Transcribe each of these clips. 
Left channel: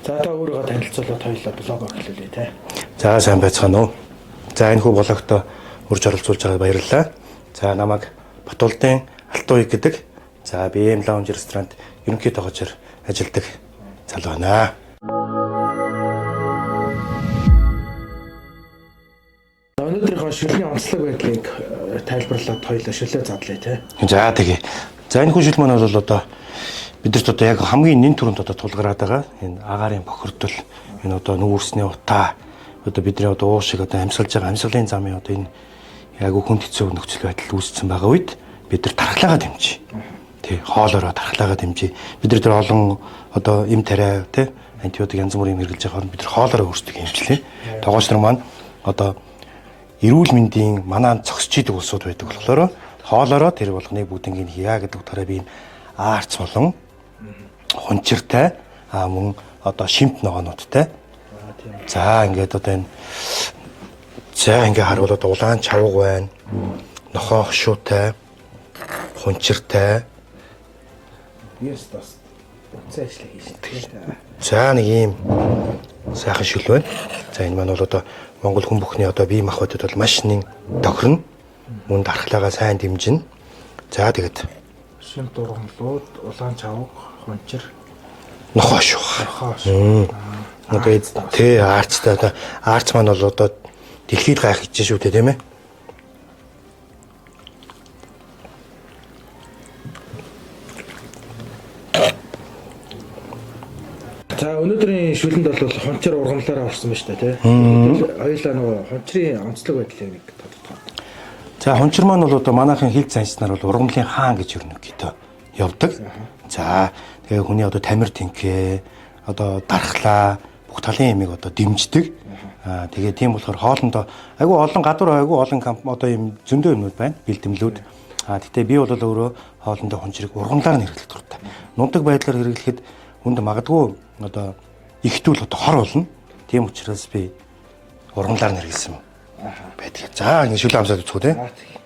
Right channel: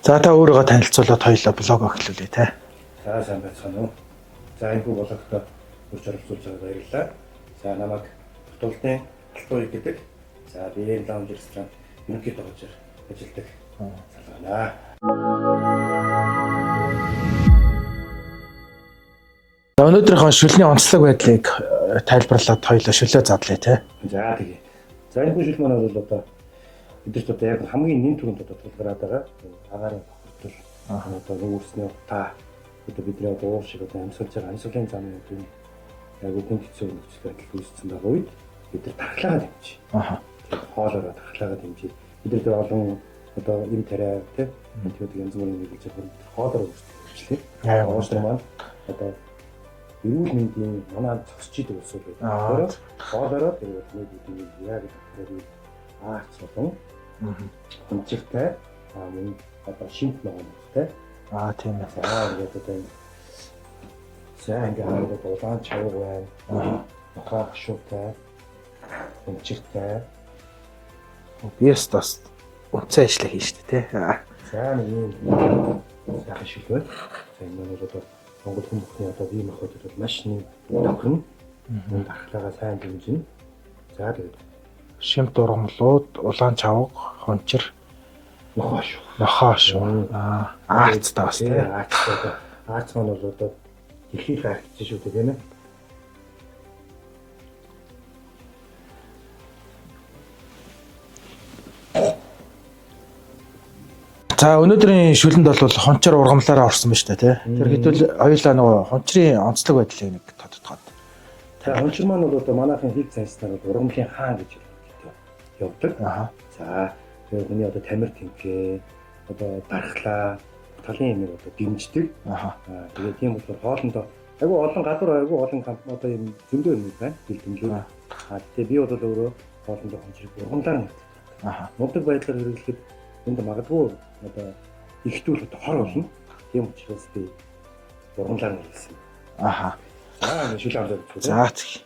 За та өөрийгөө танилцуулаад хоёулаа блог эхлүүлээ те. За сайн байцгаана уу. За энэ хүү блогт урьж оролцуулж байгаад баярлалаа. За намайг Батулдын Алтан уяг гэдэг. За BM Lounge ресторанд ерөнхий тогоочор ажилладаг залуу байна. За өнөөдрийнхөө шүлний онцлог байдлыг тайлбарлаад хоёулаа шүлээ задлаа те. За тэгээ. За энэ хүү шүл маань бол одоо бидэрт одоо яг хамгийн нэн түрүүнд одоо тулгараад байгаа энэ агаарын бохирдол энэ одоо нүүрсний утаа одоо бидний одоо уушиг одоо амьсгалж байгаа амьсгалын замын одоо энэ яг хүнд хэцүү нөхцөл байдал үүссэн байгаа үед бид нар тархлагаа дэмжиж. Тий, хоолоороо тархлагаа дэмжиж. Бид нар тэр олон одоо эм тариа тий антибиотик янз бүрийн хэрэглэж байгаа бид нар хоолоороо өөрсдөө хэмжлээ. Тогооч нар маань одоо эрүүл мэндийн манаа зогсож идэг улсууд байдаг болохоор хоолоороо тэр болгоныг бүгднийг хийя гэдэг утгаараа би аарц болон хунчиртай мөн одоо шимт ногоонуудтай. Тийм ээ. За ингээд одоо энэ за ингээ харуул одоо улаан чавга байна. Нохоо хшуутай, хунчиртай. Yes бас үнцэн ажилла хийж тэгээ. За нэг ийм сайхан шүл байна. За энэ маань бол одоо Монгол хүн бүхний одоо бие махбодод бол маш нэн тохирно. Мөн дархлаагаа сайн дэмжинэ. За тэгээд Шимт ургамлууд, улаан чавга, хончир, нохоо шүү. нохоо шүү. Тий, аарцтай одоо аарц маань бол одоо дэлхийд гайх гэж шүү дээ тийм ээ. За өнөөдрийн шүлэнд бол хончир ургамлаараа орсон байна шүү дээ тий. Хэдүүл хоёулаа нөгөө хончрын онцлог байдлыг нэг тодтгоо. За хончир маань бол одоо манайхын хил занчнаар бол ургамлын хаан гэж өрнөгтэй явдаг. За тэгээ хүний одоо тамир тэнхээ одоо дархлаа бүх талын ямиг одоо дэмждэг. Тэгээ тийм болохоор хоолндоо айгүй олон гадуур айгүй олон одоо юм зөндөө юмуд байна бэлтгэлүүд. Гэтээ би бол өөрөө хоолндоо хончрыг ургамлаар хэрэглэх дуртай. Нундаг байдлаар хэрэглэхэд хүнд магадгүй одоо ихтүүл одоо хор болно. Тийм учраас би ургамлаар хэрэглэсэн байдаг. За ингэ шүлээ амсаад үзэх үү те. За згий.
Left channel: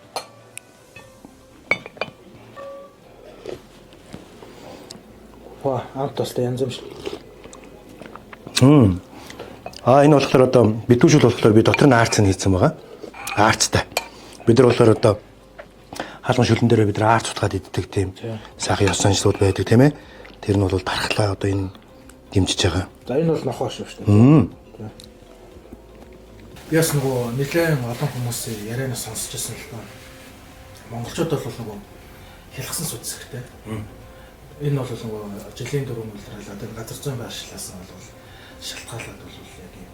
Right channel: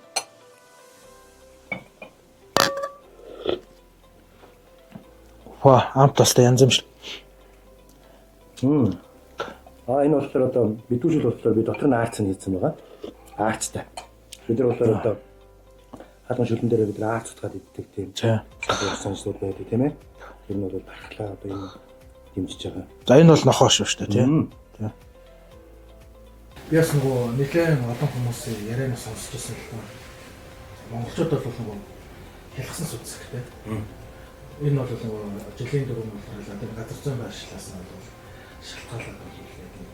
Амт тастай янз юм шүү. Энэ болохоор одоо битүүшүүл болохоор би дотор нь аарц нь хийсэн байгаа. Аарцтай. Бид нар болохоор одоо хаалган шүлэн дээр бид нар аарц утгаад иддэг тийм сайхан ёс заншлууд байдаг тийм ээ. Тэр нь бол тархлаа одоо энэ дэмжиж байгаа. За энэ бол нохоо шүү дээ тийм. Би бас нөгөө нэлээд олон хүмүүсийн ярианаас сонсч байсан л доо. Монголчууд бол нөгөө хялгсан сүдс хэрэгтэй. Энэ бол нөгөө жилийн дөрөв үйлрэл одоо газар зүйн байршлаас бол шалтгаалаад бол яг юм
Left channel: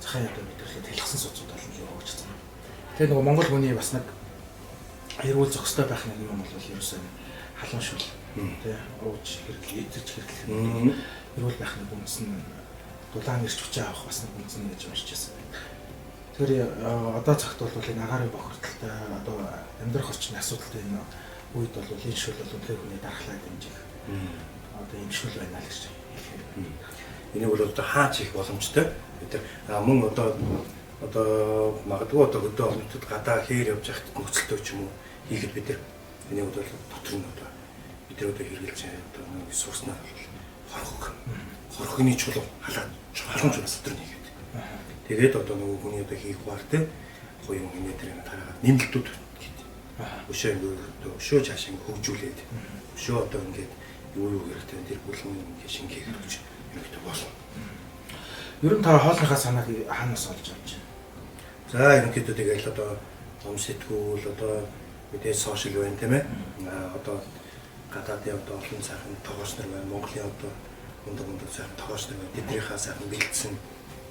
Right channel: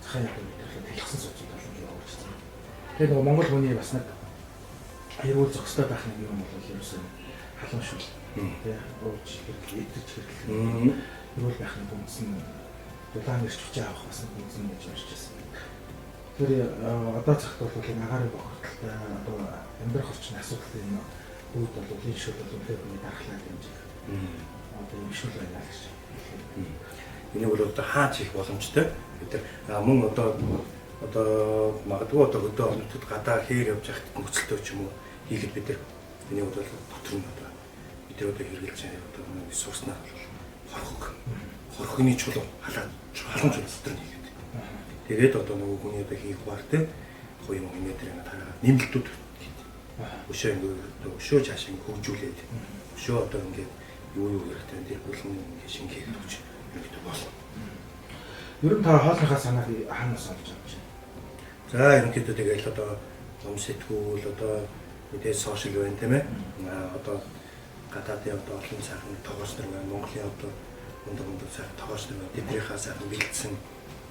захын яд мэдрэлүүд хялгсан сүдсүүд бол явж байгаа. Тэгээ нөгөө монгол хүний бас нэг эрүүл зохистой байх нэг юм бол ерөөсөө халуун шүл тий ууж хэрэглээ идэж хэрэглэх эрүүл байх нэг үндэс нь дулаан ирч хүчээ авах бас нэг үндэс нь гэж уншиж байсан. Тэр одоо цагт бол энэ агаарын бохирдолтой одоо амьдрах орчны асуудалтай энэ үед бол энэ шүл бол үнэхээр хүний дархлаа дэмжих одоо юм шүл байна л гэж хэлэх. Энийг бол одоо хаач их боломжтой. Бид нар мөн одоо магадгүй одоо хөдөө орнуудад гадаа хээр явж байхад нөхцөлтэй ч юм уу хийхэд бид нар энийг бол дотор нь одоо бид нар одоо хэрэгжилж одоо сурснаар бол хорхогны чулуу халаад халамж дотор нь хийгээд. Тэгээд одоо нөгөө хүний одоо хийх баар те гоё юм энэ дээр тараагаад нэмэлтүүд гэдэг. Өшөө ингээд өшөө цааш ингээд хөгжүүлээд өшөө одоо ингээд юу хэрэгтэй тэр бүлэн ингээд шингээгээд өгч хэрэгтэй болно. Ер нь та хоолныхаа санааг хаанаас олж авч байна? За ерөнхийдөө тэгэл одоо ном сэтгүүл одоо мэдээ сошиал байна тийм ээ. Одоо гадаадын одоо олон сайхан тогооч нар байна. Монголын одоо мундаг сайхан тогооч нар байна. Тэднийхээ сайхан бэлдсэн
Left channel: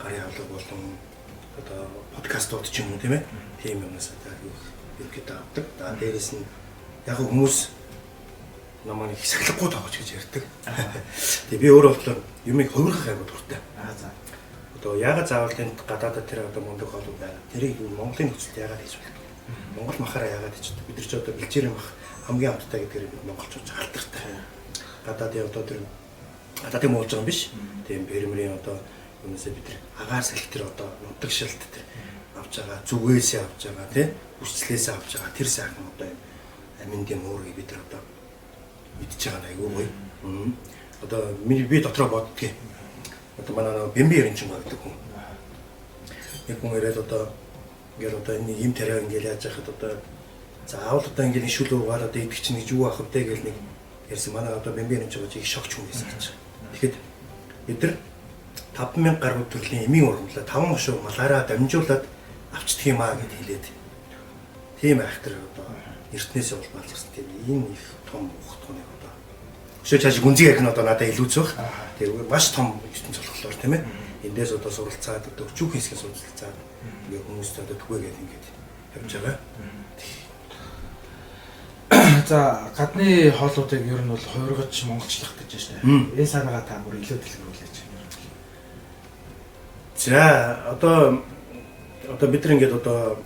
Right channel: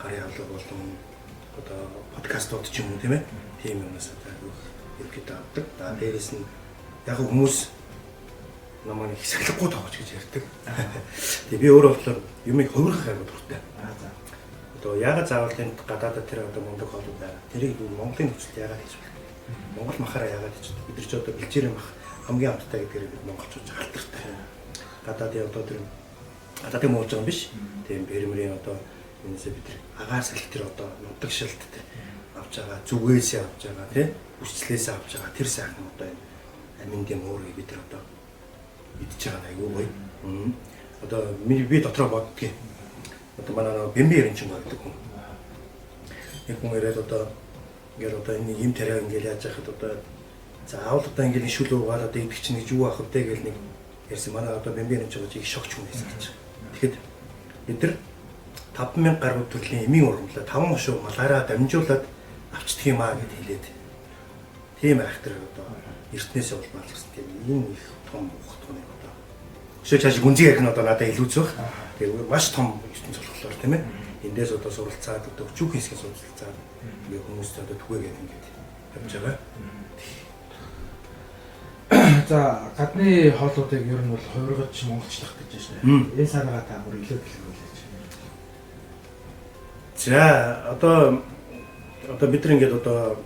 гарын авлага болон одоо подкастууд ч юм уу тийм ээ. Тийм юмнаас одоо ерөнхийдөө авдаг. За дээрэс нь яг хүмүүс намайг их сахилахгүй тоогч гэж ярьдаг. Тэгээ би өөрөө болохоор юмыг хувирах айгуу дуртай. За. Одоо яагаад заавал тэнд гадаадад тэр одоо мундаг хоолой байна. Тэрийг Монголын нөхцөлд яагаад хийж болдог. Монгол махаараа яагаад хийж болдог. Бид нар ч одоо бэлчээрийн мах хамгийн амттай гэдгээр бид монголчууд халтартай. Гадаадын одоо тэр гадаадын муулж байгаа юм биш. Тийм бэрмэрийн одоо юунасаа бид нар агаар салхи тэр одоо нутаг шилт тэр авч байгаа зүгээсээ авч байгаа тийм хүчлээсээ авч байгаа тэр сайхан одоо аминдын уурыг бид нар одоо идчихэж байгаа айгүй гоё. Одоо би дотроо боддгийг Одоо манай нэг Бэмби Эренчин байдаг хүн. Нэг хүн ирээд одоо ингээд одоо энэ юм тариа ингээд яаж яхад одоо заавал одоо ингээд шүл уугаад одоо идэх чинь гэж юу ах вэ гэл нэг ярьсан. Манай одоо Бэмби Эренчин гэж их шогч хүн байсан гэж. Тэгэхэд бид нар 5,000 гаруй төрлийн эмийн ургамлаа 5 хошуу малаараа дамжуулаад авчдаг юм аа гэд хэлээд. Тийм айхтар одоо эртнээсээ бол баалгасан тийм энэ их том ухтганы одоо. Өшөө чааш гүнзгий ярих нь одоо надад илүүц баг. Тэгээ маш том ертөнц болохоор тийм ээ. Эндээс одоо суралцаад одоо өчүүх хэсгээ суралцаад ингээ хүмүүст одоо түгээгээд ингээд явж байгаа. За гадны хоолуудыг ер нь бол хувиргаж монголчлах гэж байна шүү дээ. Энэ санаагаа та бүр илүү дэлгэрүүлээч. За одоо бид нар ингээд одоо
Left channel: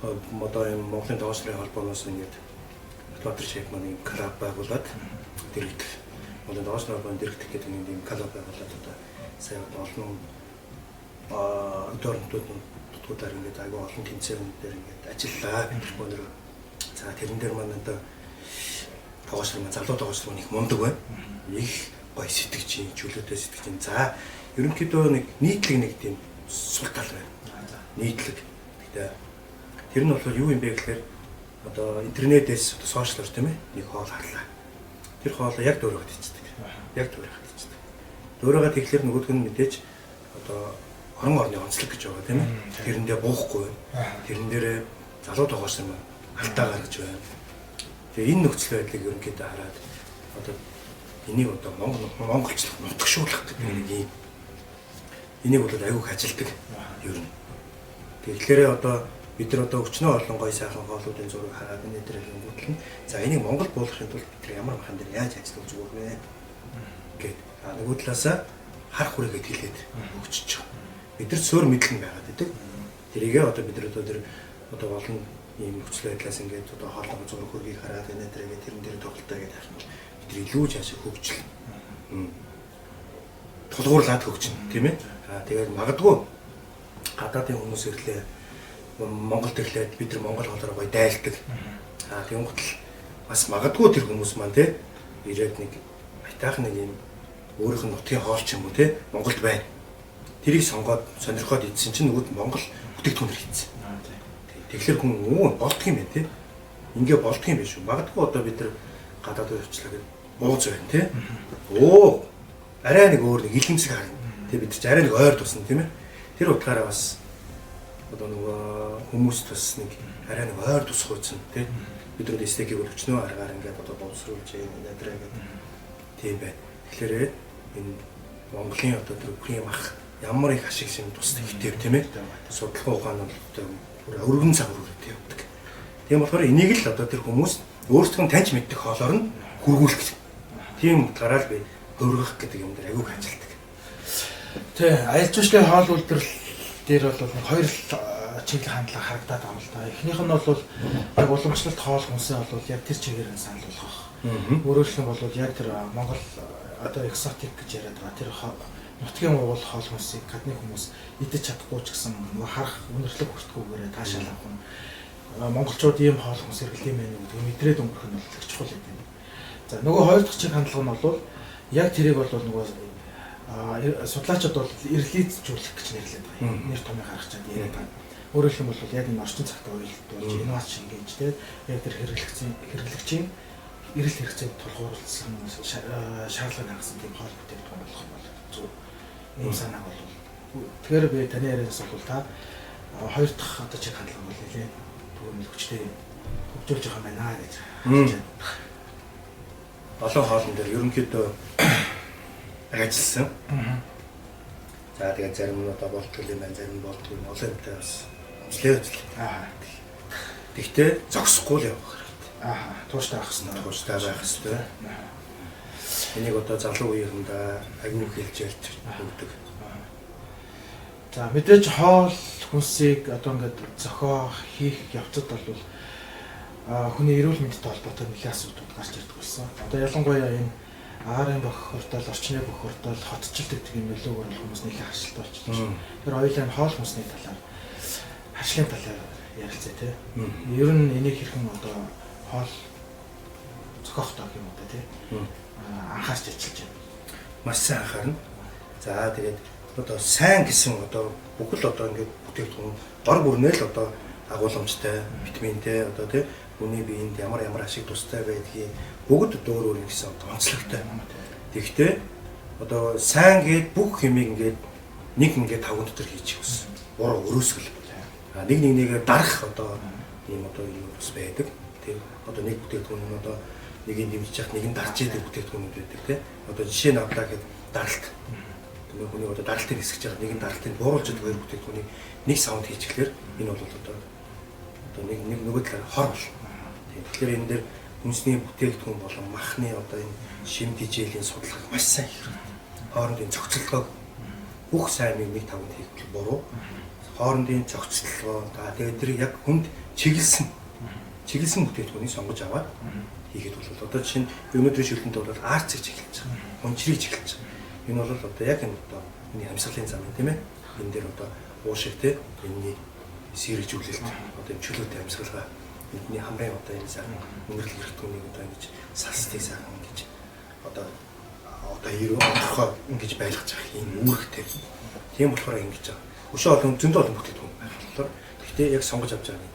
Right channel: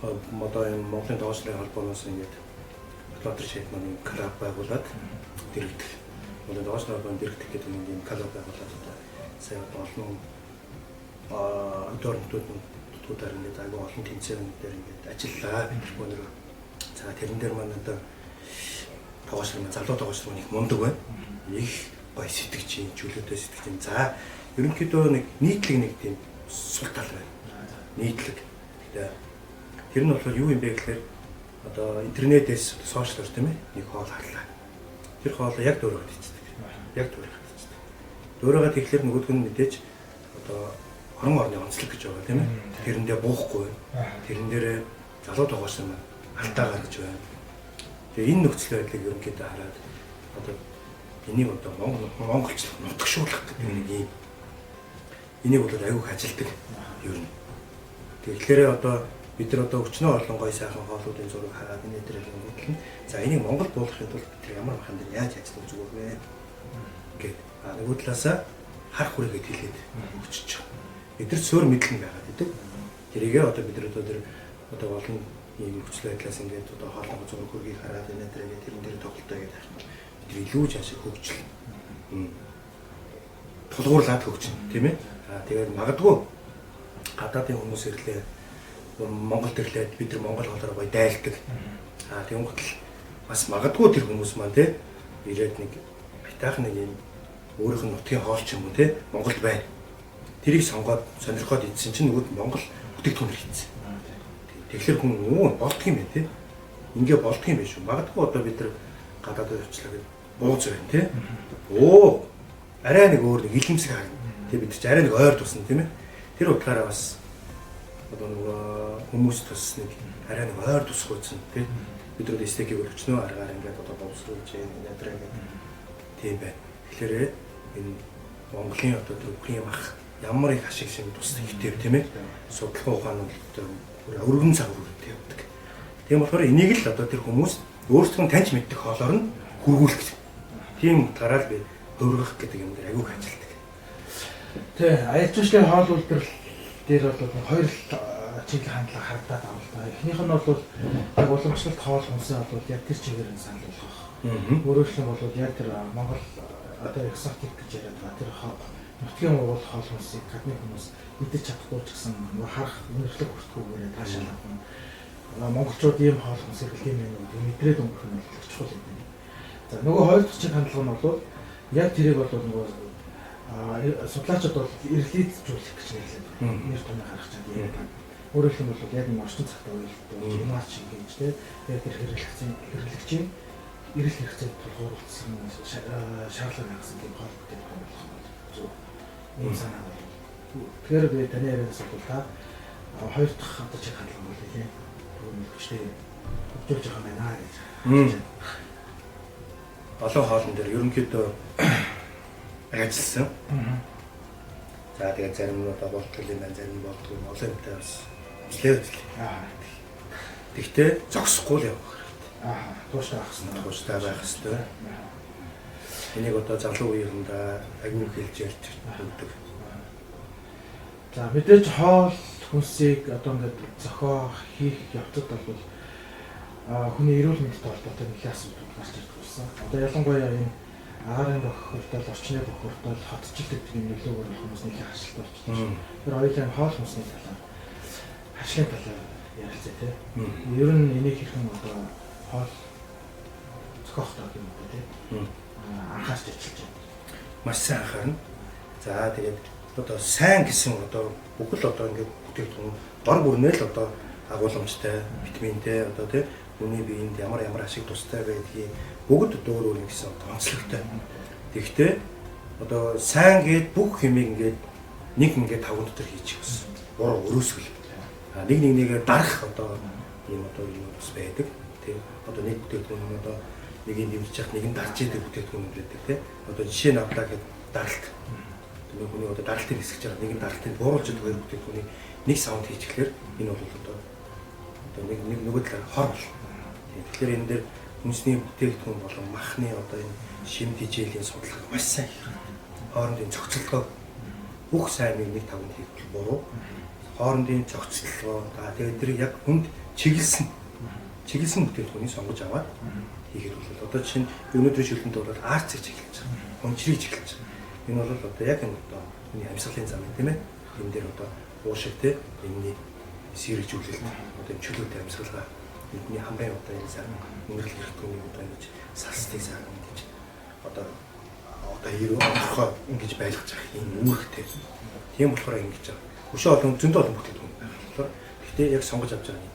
энэ Монголын тоосрын холбооноос ингээд Батбаатар шейх маань клуб байгуулад дэрэгдэх. Монголын тоосрын холбоонд дэрэгдэх гэдэг нэг юм клуб байгуулад одоо сая олон өдөртүүд ингээд аягүй олон тэмцээн дээр ингээд ажиллаа. Бид нар өнөр за тэрэн дээр маань одоо тоосрын маань залуу тоосрын их мундаг байна. Их гоё сэтгэж, чөлөөтэй сэтгэж. За ерөнхийдөө нэг нийтлэг нэг тийм сул тал байна. Нийтлэг. Гэтэ тэр нь болохоор юу юм бэ гэхээр одоо интернетээс сошиалор тийм ээ нэг хоол харлаа. Тэр хоолоо яг дөөрөөгд ичдэг. Яг дөөрөөгд ичдэг. Дөөрөөгд тэгэхээр нөгөөдг нь мэдээж одоо орон орны онцлог гэж байгаа тийм ээ. Тэрэндээ буухгүй байна. Тэрэн дээрээ залуу тоогоос юм алдаа гаргаж байна. Тэгээ энэ нөхцөл байдлыг ерөнхийдөө хараад одоо энийг одоо монголчлох нутагшуулах гэдэг нэг юм. Энийг бол аюух ажилдаг ер нь. Тэгэхээр одоо бид нар одоо өчнөө олон гой сайхан хоолуудын зураг хараад энэ дээр өнгөтлөн. За энийг Монгол буулгахын тулд бид нар ямар махан дээр яаж ажиллах зүгээр вэ гэд. Нөгөө талаасаа харах хүрээгээд хэлээд өгчөж байгаа. Бид нар цөөр мэдлэн байгаад байдаг. Тэрийгээ одоо бид нар одоо олон ийм нөхцөл байдлаас ингээд одоо хоолны зураг хөргийг хараад энэ дээрээ тэрэн дээр тоглолтоо гэдэг харах нь бид нар илүү жаашаа хөгжил. Тулгуурлаад хөгжинэ тийм ээ. Тэгээд магадгүй гадаадын хүмүүс ирлээ Монголд ирлээд бид нар монгол хоолоор гоё дайлдаг. Тийм готэл бас магадгүй тэр хүмүүс маань те ирээд нэг айтайхан нэг юм өөрийнх нь нутгийн хоол ч юм уу те Монголд байна. Тэрийг сонгоод сонирхоод идсэн чинь нөгөөд Монгол бүтээгдэхүүнээр хийсэн. Тэгэхээр хүн болдго юм байна те. Ингээ болдго юм биш үү? Магадгүй одоо бид нар гадаадд явчлаа гэж бууз байна те. Оо арай нэг өөр нэг илэмсэг харна. Тэг бид ч арай нэг ойр тусна тийм ээ. Тэр утгаараа бас одоо нөгөө хүмүүст бас нэг арай нэг ойр тусах үзэн тийм. Бид нар стейкийг өчнөө аргаар ингээд одоо боловсруулж ядраа гэдэг тийм байна. Тэгэхээр энэ Монголын одоо тэр бүхний мах ямар их ашиг шин тусдаг хтэв тийм ээ. Судлах ухаан бол бүр өргөн цагруудтай явдаг. Тийм болохоор энийг л одоо тэр хүмүүс өөрсдөө таньж мэддэг хоолоор нь хөргүүлэх. Тийм утгаараа л би хөргөх гэдэг юм дээр аягүй ажилтдаг. Тэ аялал жуулчлалын хоол үйлдвэрлэл дээр бол нэг хоёр чиглэл хандлага харагдаад байна л да. Эхнийх нь бол яг уламжлалт хоол хүнсээ бол яг тэр чигээр нь санал болгох. Өөрөөр хэлбэл яг тэр Монгол одоо экзотик гэж яриад байгаа тэр нутгийн уул хоол хүнсийг гадны хүмүүс идэж чадахгүй ч гэсэн харах үнэрлэг хүртгүүгээрээ таашаал авах нь монголчууд ийм хоол хүнс хэрэглэм байх үү мэдрээд өнгөрөх нь их чухал гэдэг. За нөгөө хоёр дахь чиглэл хандлага нь бол яг тэрийг бол нөгөө судлаачид бол ирлийзжүүлэх гэж нэрлэдэг байна. Нэр томьёо гаргах чад яриад байна. Өөрөөр хэлбэл яг энэ орчин цагтаа уялдуулж инновац шингээж те яг тэр хэрэглэгчийн эрэл хэрэгцээнд тулгуурласан шаардлага хангасан тийм хоол бүтээгдэхүүн болох нь бол зөв. Ийм санаа бол. Тэгэхээр би таны ярианаас бол та хоёр дахь одоо чиг хандлага бол нэлээд төвөмөл хүчтэй хөгжүүлж байгаа юм байна гэж хэлж байна. Олон хоолн дээр ерөнхийдөө ажилласан. За тэгээд зарим нь одоо болтгол юм байна, зарим нь болтгол юм олон юмтай бас ажиллаж байна. Тэгтээ зогсохгүй л явах хэрэгтэй. Тууштай байх хэрэгтэй. Тууштай байх хэрэгтэй. Энийг одоо залуу үеийнхэндээ аягүй хэлж ярьж өгдөг. За мэдээж хоол хүнсийг одоо ингээд зохио хийх явцад бол хүний эрүүл мэндтэй холбоотой нэлээд асуудал гарч ирдэг болсон. Одоо ялангуяа энэ агаарын бохирдол, орчны бохирдол, хотчлт гэдэг юм нөлөөгөөр хүмүүс нэлээд хашлт болчихлоо. Тэр хоёулаа хоол хүнсний талаар хашлын талаар ярилцъя тий. Ер нь энийг хэрхэн одоо хоол зохиох тоо юм уу тий. Анхаарч ажиллаж байна. Маш сайн анхаарна. За тэгээд одоо сайн гэсэн одоо бүхэл одоо ингээд бүтээгдэхүүн дор бүрнээ л одоо агуулмжтай, витаминтэй одоо тий хүний биед ямар ашиг тустай байдгийг бүгд өөр өөр гэсэн одоо онцлогтой. Тэгэхдээ одоо сайн гээд бүх хэмийг ингээд нэг ингээд таван дотор хийчих гэсэн. Буруу өрөөсгөл. Нэгээ дарах одоо ийм одоо юм бас байдаг. Тэг одоо нэг бүтээгдэхүүн нь одоо нэгийг дэмжиж яхад нэг нь дарж идэг бүтээгдэхүүнүүд байдаг тий. Одоо жишээ нь авлаа гэхэд даралт. Тэгээ хүний одоо даралтын хэсгэж байгаа нэг нь даралтын бууруулж идэг хоёр бүтээгдэхүүнийг нэг саунд хийчихлээр энэ бол одоо нэг нөгөө талаар хор болно. Тэгэхээр энэ дээр үндэсний бүтээгдэхүүн болон махны одоо энэ шим тижээлийн судалгааг маш сайн хийх хэрэгтэй. Хоорондын зохицолгоо бүх сайн нэг тавнд хийх буруу. Хоорондын зохицолгоо тэгээд тэр яг хүнд чиглэсэн бүтээгдэхүүнийг сонгож аваад хийгээд бол одоо жишээ нь өнөөдрийн шүлтэнд бол арцыг чиглэж байгаа. Хунчрыг чиглэж байгаа. Энэ бол одоо яг энэ одоо миний амьсгалын зам юм тийм ээ. Энэ дээр одоо уушиг те энэний сэргэжүүлэлт одоо энэ чөлөөтэй амьсгалгаа бидний хамрын одоо энэ сайн өнгөрөл хэрэгтүүнийг одоо ингэж салстыг сайн ингэж одоо ирүү онцгой ингэж байлгаж байгаа юм үүрэгтэй. Тийм болохоор ингэж байгаа. Өшөө олон зөндөө олон бүтээгдэхүүн байх болохоор гэхдээ яг сонгож авч байгаа юм.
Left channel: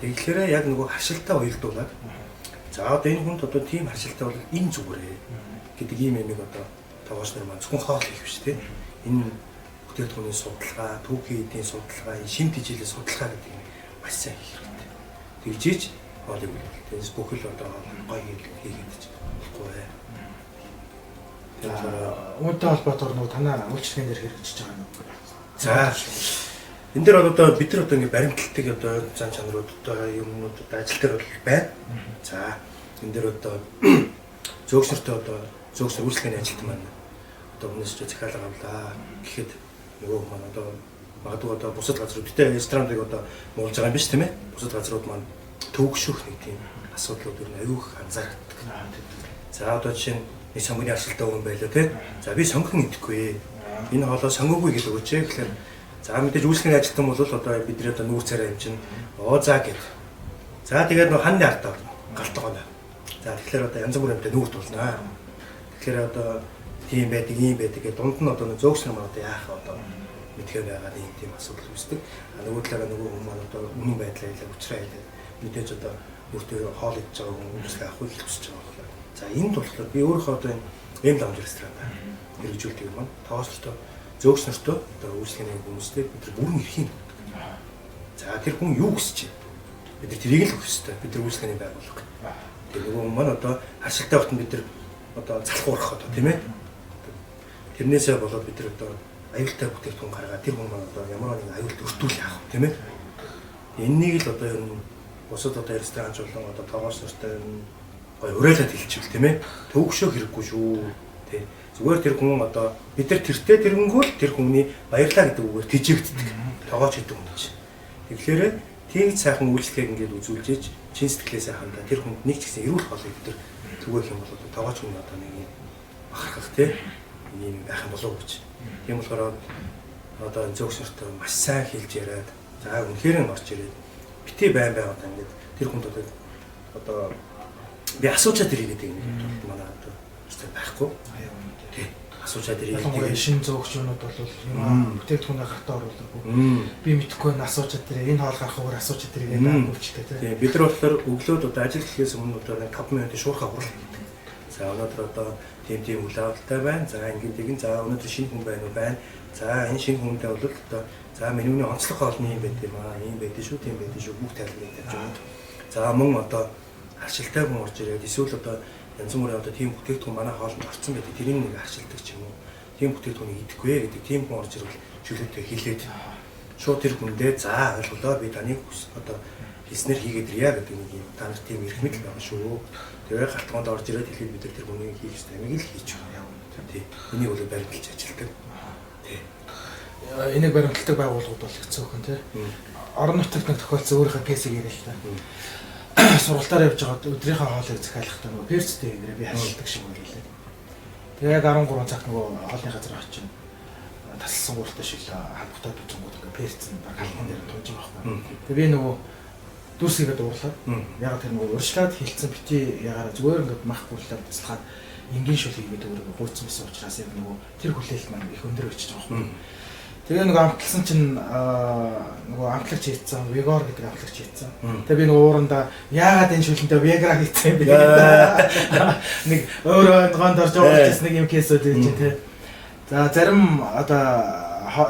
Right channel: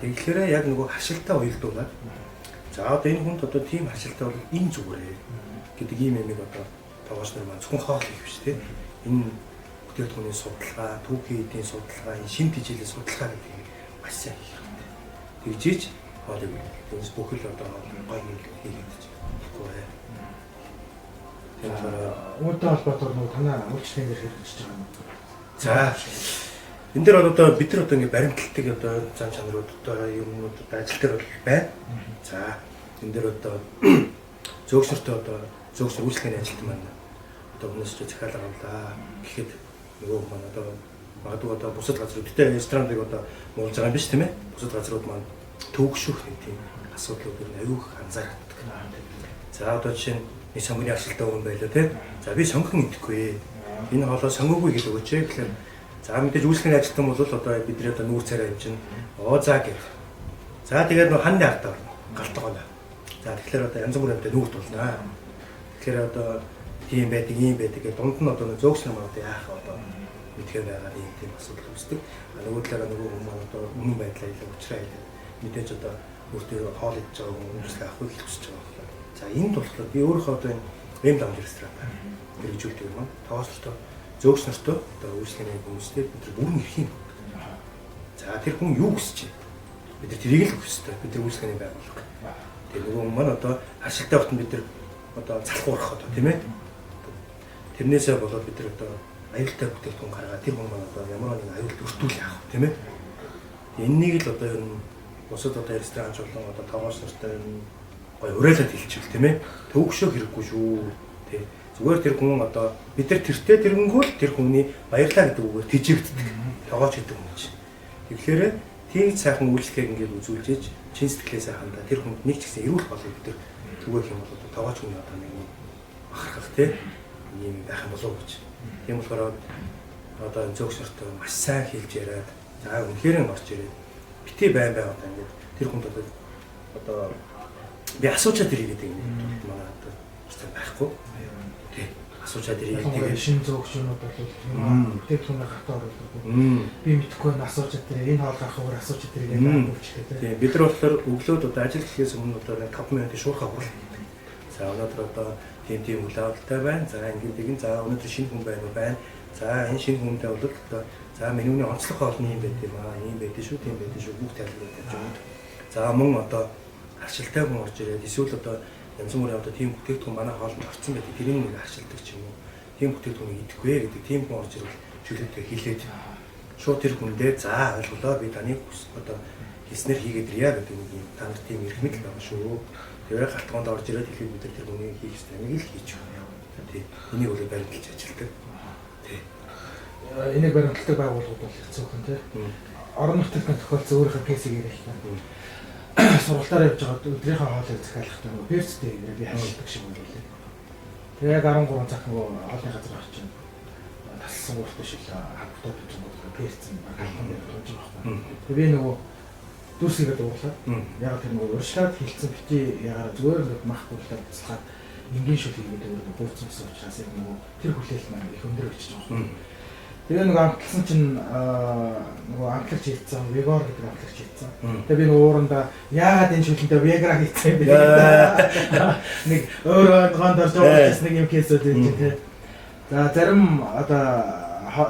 Тэгэхээр яг нөгөө харшилтаа уялдуулаад за одоо энэ хүнд одоо тийм харшилтаа бол энэ зүгээрээ гэдэг ийм юмыг одоо тоогооч нар маань зөвхөн хоол хийх биш тийм энэ бүтээгдэхүүний судалгаа, түүхийн эдийн судалгаа, шим тижээлийн судалгаа гэдэг юм маш сайн хийх хэрэгтэй. Тэгжиж хоолыг тэгээс бүхэл одоо гоё хийгээд ч болохгүй бай. Тэгэхээр үүнтэй холбоотойгоор нөгөө танаа үйлчлэгийн дээр хэрэгжиж байгаа юм. За энэ дээр одоо бид нар одоо ингэ баримталтыг одоо зан чанарууд одоо юмнууд одоо ажил дээр бол байна. За энэ дээр одоо зөөгсөртөө одоо зөөгсөр үйлчлэгийн ажилтан маань одоо өмнөөс ч захиалга авлаа гэхэд нөгөө маань одоо магадгүй одоо бусад газрууд гэдэг ресторантыг одоо муулж байгаа юм биш тийм ээ. Бусад газрууд маань төвөгшөх нэг тийм асуудлууд ер нь аюух анзаардаг. За одоо жишээ нь нэг сонгоны аршилтай хүн байлаа тийм. За би сонгохон идэхгүй. Энэ хоолоо сонгоогүй гэж өгөөч. Тэгэхээр за мэдээж үйлчлэгийн ажилтан бол одоо бидний одоо нүүр царай юм чинь за гэд. За тэгээд нөгөө ханны артаа галтгоно. За тэгэхээр одоо янз бүрийн амтай нүүрт болно. Тэгэхээр одоо тийм байдаг, ийм байдаг гэдэг дунд нь одоо зөөгснөр маань одоо яах одоо мэдхээр байгаа юм тийм асуудал үүсдэг. Нөгөө талаараа нөгөө хүмүүс маань одоо үнэн байдлаа хэлээ уучраа хэлээ. Мэдээж одоо өөртөө хоол идж байгаа хүн үйлчлэг авах гэж хүсэж байгаа болохоор. За энд болохоор би өөрийнхөө одоо энэ ламж ресторан хэрэгжүүлдэг юм байна. Тоостой зөөгснөртөө одоо үйлчлэгийн хүмүүстэй бид нар бүрэн эрхийн өгдөг. За тэр хүн юу хүсэж байна? Бид нар тэрийг л өгөх ёстой. Бид нар үйлчлэгийн байгууллага. Тэгээ нөгөө хүн маань одоо харшилтай багт бид нар одоо залхуурах одоо тийм ээ. Тэрнээсээ болоод бид нар одоо аюултай бүтээгдэхүүн гаргаад тэр хүн маань одоо ямар нэгэн аюулт өртүүл яах вэ тийм ээ. Энэнийг л одоо ер нь бусад одоо ресторанч болон одоо тоогоос нартай гой уриалаад хэлчихвэл тийм ээ. Төвөгшөө хэрэггүй шүү тий. Зүгээр тэр хүн одоо бид нар тэртээ тэрнгүүл тэр хүмүүний баярлаа гэдэг үгээр тэжээгддэг. Тоогооч гэдэг хүн чинь. Тэгэхээр тийм сайхан үйлчлэгийг ингээд үзүүлжээж чин сэтгэлээсээ хандаа тэр хүнд нэг ч гэсэн эрүүл болыг бид нар түгээх юм бол тоогооч хүн одоо нэг юм бахархах тий ийм байх юм болов уу гэж. Тийм болохоор одоо зөөгсөртөө маш сайн хэлж яриад за үнэхээр нь орж ирээд бити байн одоо ингээд тэр хүнд одоо би асуучаад ирээд юм манай одоо хэвээр байхгүй. Тий. Асуучаад ирээд тэгээд шинэ зөөгчнүүд бол юм бүтээгдэхүүнээ гартаа оруулахгүй. Би мэдэхгүй нь асуучаад ирээ энэ хоол гарахаар асуучаад ирээ гэдэг үйлчлээ тий. Тий. Бид нар болохоор өглөөд одоо ажил гэхээс өмнө одоо 5 минутын шуурхай хурлаа хийдэг. За өнөөдөр одоо тийм үйл явдалтай байна. За ингэдэг за өнөөдөр шинэ хүн байна уу байна. За энэ шинэ хүнтэй бол одоо за менюний онцлог хоолны юм байт юм аа. Ийм байдаг шүү, тийм байдаг шүү. Бүх тайлбарыг тавьж өгнө. За мөн одоо харшилтай хүн орж ирээд эсвэл одоо янз бүрийн одоо тийм бүтээгдэхүүн манай хоолнд орсон байдаг. Тэрийг нэг харшилдаг ч юм уу. Тийм бүтээгдэхүүнийг идэхгүй гэдэг тийм хүн орж ирвэл чөлөөтэй хэлээд шууд тэр хүндээ за ойлголоо би таныг одоо хийснээр хийгээд ирья гэдэг нэг юм та нар тийм эрх мэдэл байгаа шүү. Тэгээ галтгоонд орж ирээд хэлээд бид тэр хүний хийх ёстой амийг л хийж байгаа юм. Тий. Энийг бол баримталж ажилладаг. Тий. Энийг баримталдаг байгууллагууд бол хэцүү хүн тий. Орон нутагт тохиолдсон өөрийнхөө кейсийг яриа л та. Сургалтаар явж байгаад өдрийнхөө хоолыг захиалахдаа нөгөө перцтэй ирээ би хашилдаг шиг байлаа. Тэгээд 13 цагт нөгөө хоолны газар очив. Тасалсан гууртай шиг хамтдаа бицэнгууд ингээ перцэн баг халуун дээр тууж байгаа байхгүй. Тэгээд би нөгөө дүрсгээд уурлаа. Яг тэр нөгөө урьшлаад хилцэн бити ягаар зүгээр ингээд мах гурлаад туслахад энгийн шүл хийгээд өөрөө гуйцсан байсан учраас яг нөгөө тэр хүлээлт маань их өндөр очиж байгаа юм. Тэгээ нөгөө амтлсан чинь нөгөө амтлагч хийцэн Vigor гэдэг амтлагч хийцэн. Тэгээ би нөгөө уурандаа яагаад энэ шүлэнтэй Viagra хийцэн бэ гэдэг нэг өөрөө гонд орж байгаа нэг юм кейсүүд байж тээ. За зарим одоо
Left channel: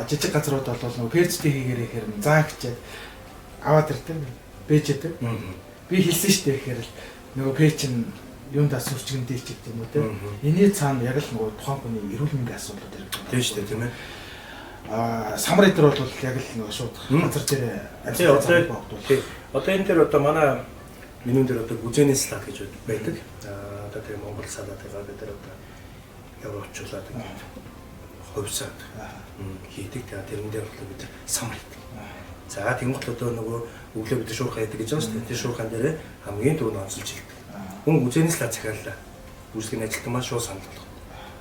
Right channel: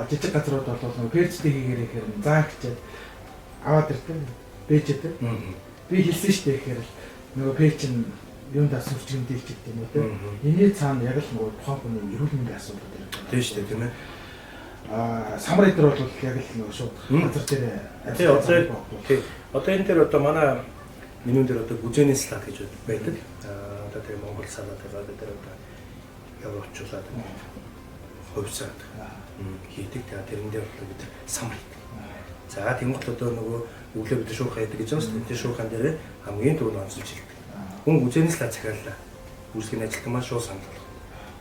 жижиг газрууд бол нөгөө перцтэй хийгэрээ ихээр заа гэчээд аваад ирдэг. Бэжэд. Би хэлсэн шүү дээ гэхээр л нөгөө пэйж нь юундаа сүрчгэн дээлч гэдэг юм уу те. Эний цаана яг л нөгөө тухайн хүний эрүүл мэндийн асуудлууд ирдэг. Тийм шүү дээ тийм ээ. Самар эдэр бол яг л нөгөө шууд газар дээр одоо энэ дээр одоо манай менюн дээр одоо гүзэний салат гэж байдаг. Одоо тэгээ Монгол салат байгаа дээр одоо явуулчлаад ховсаад хийдэг. Тэгээ тэрэн дээр бол бид самар хийдэг. За тэнгуут одоо нөгөө өглөө бид шуурхай хийдэг гэж байгаа шүү дээ. Тэр шуурхан дээр хамгийн түрүүнд онцолж хэлдэг. Хүн гүзэний салат захиаллаа. Үүсгэн ажилтан маань шууд санал болгох.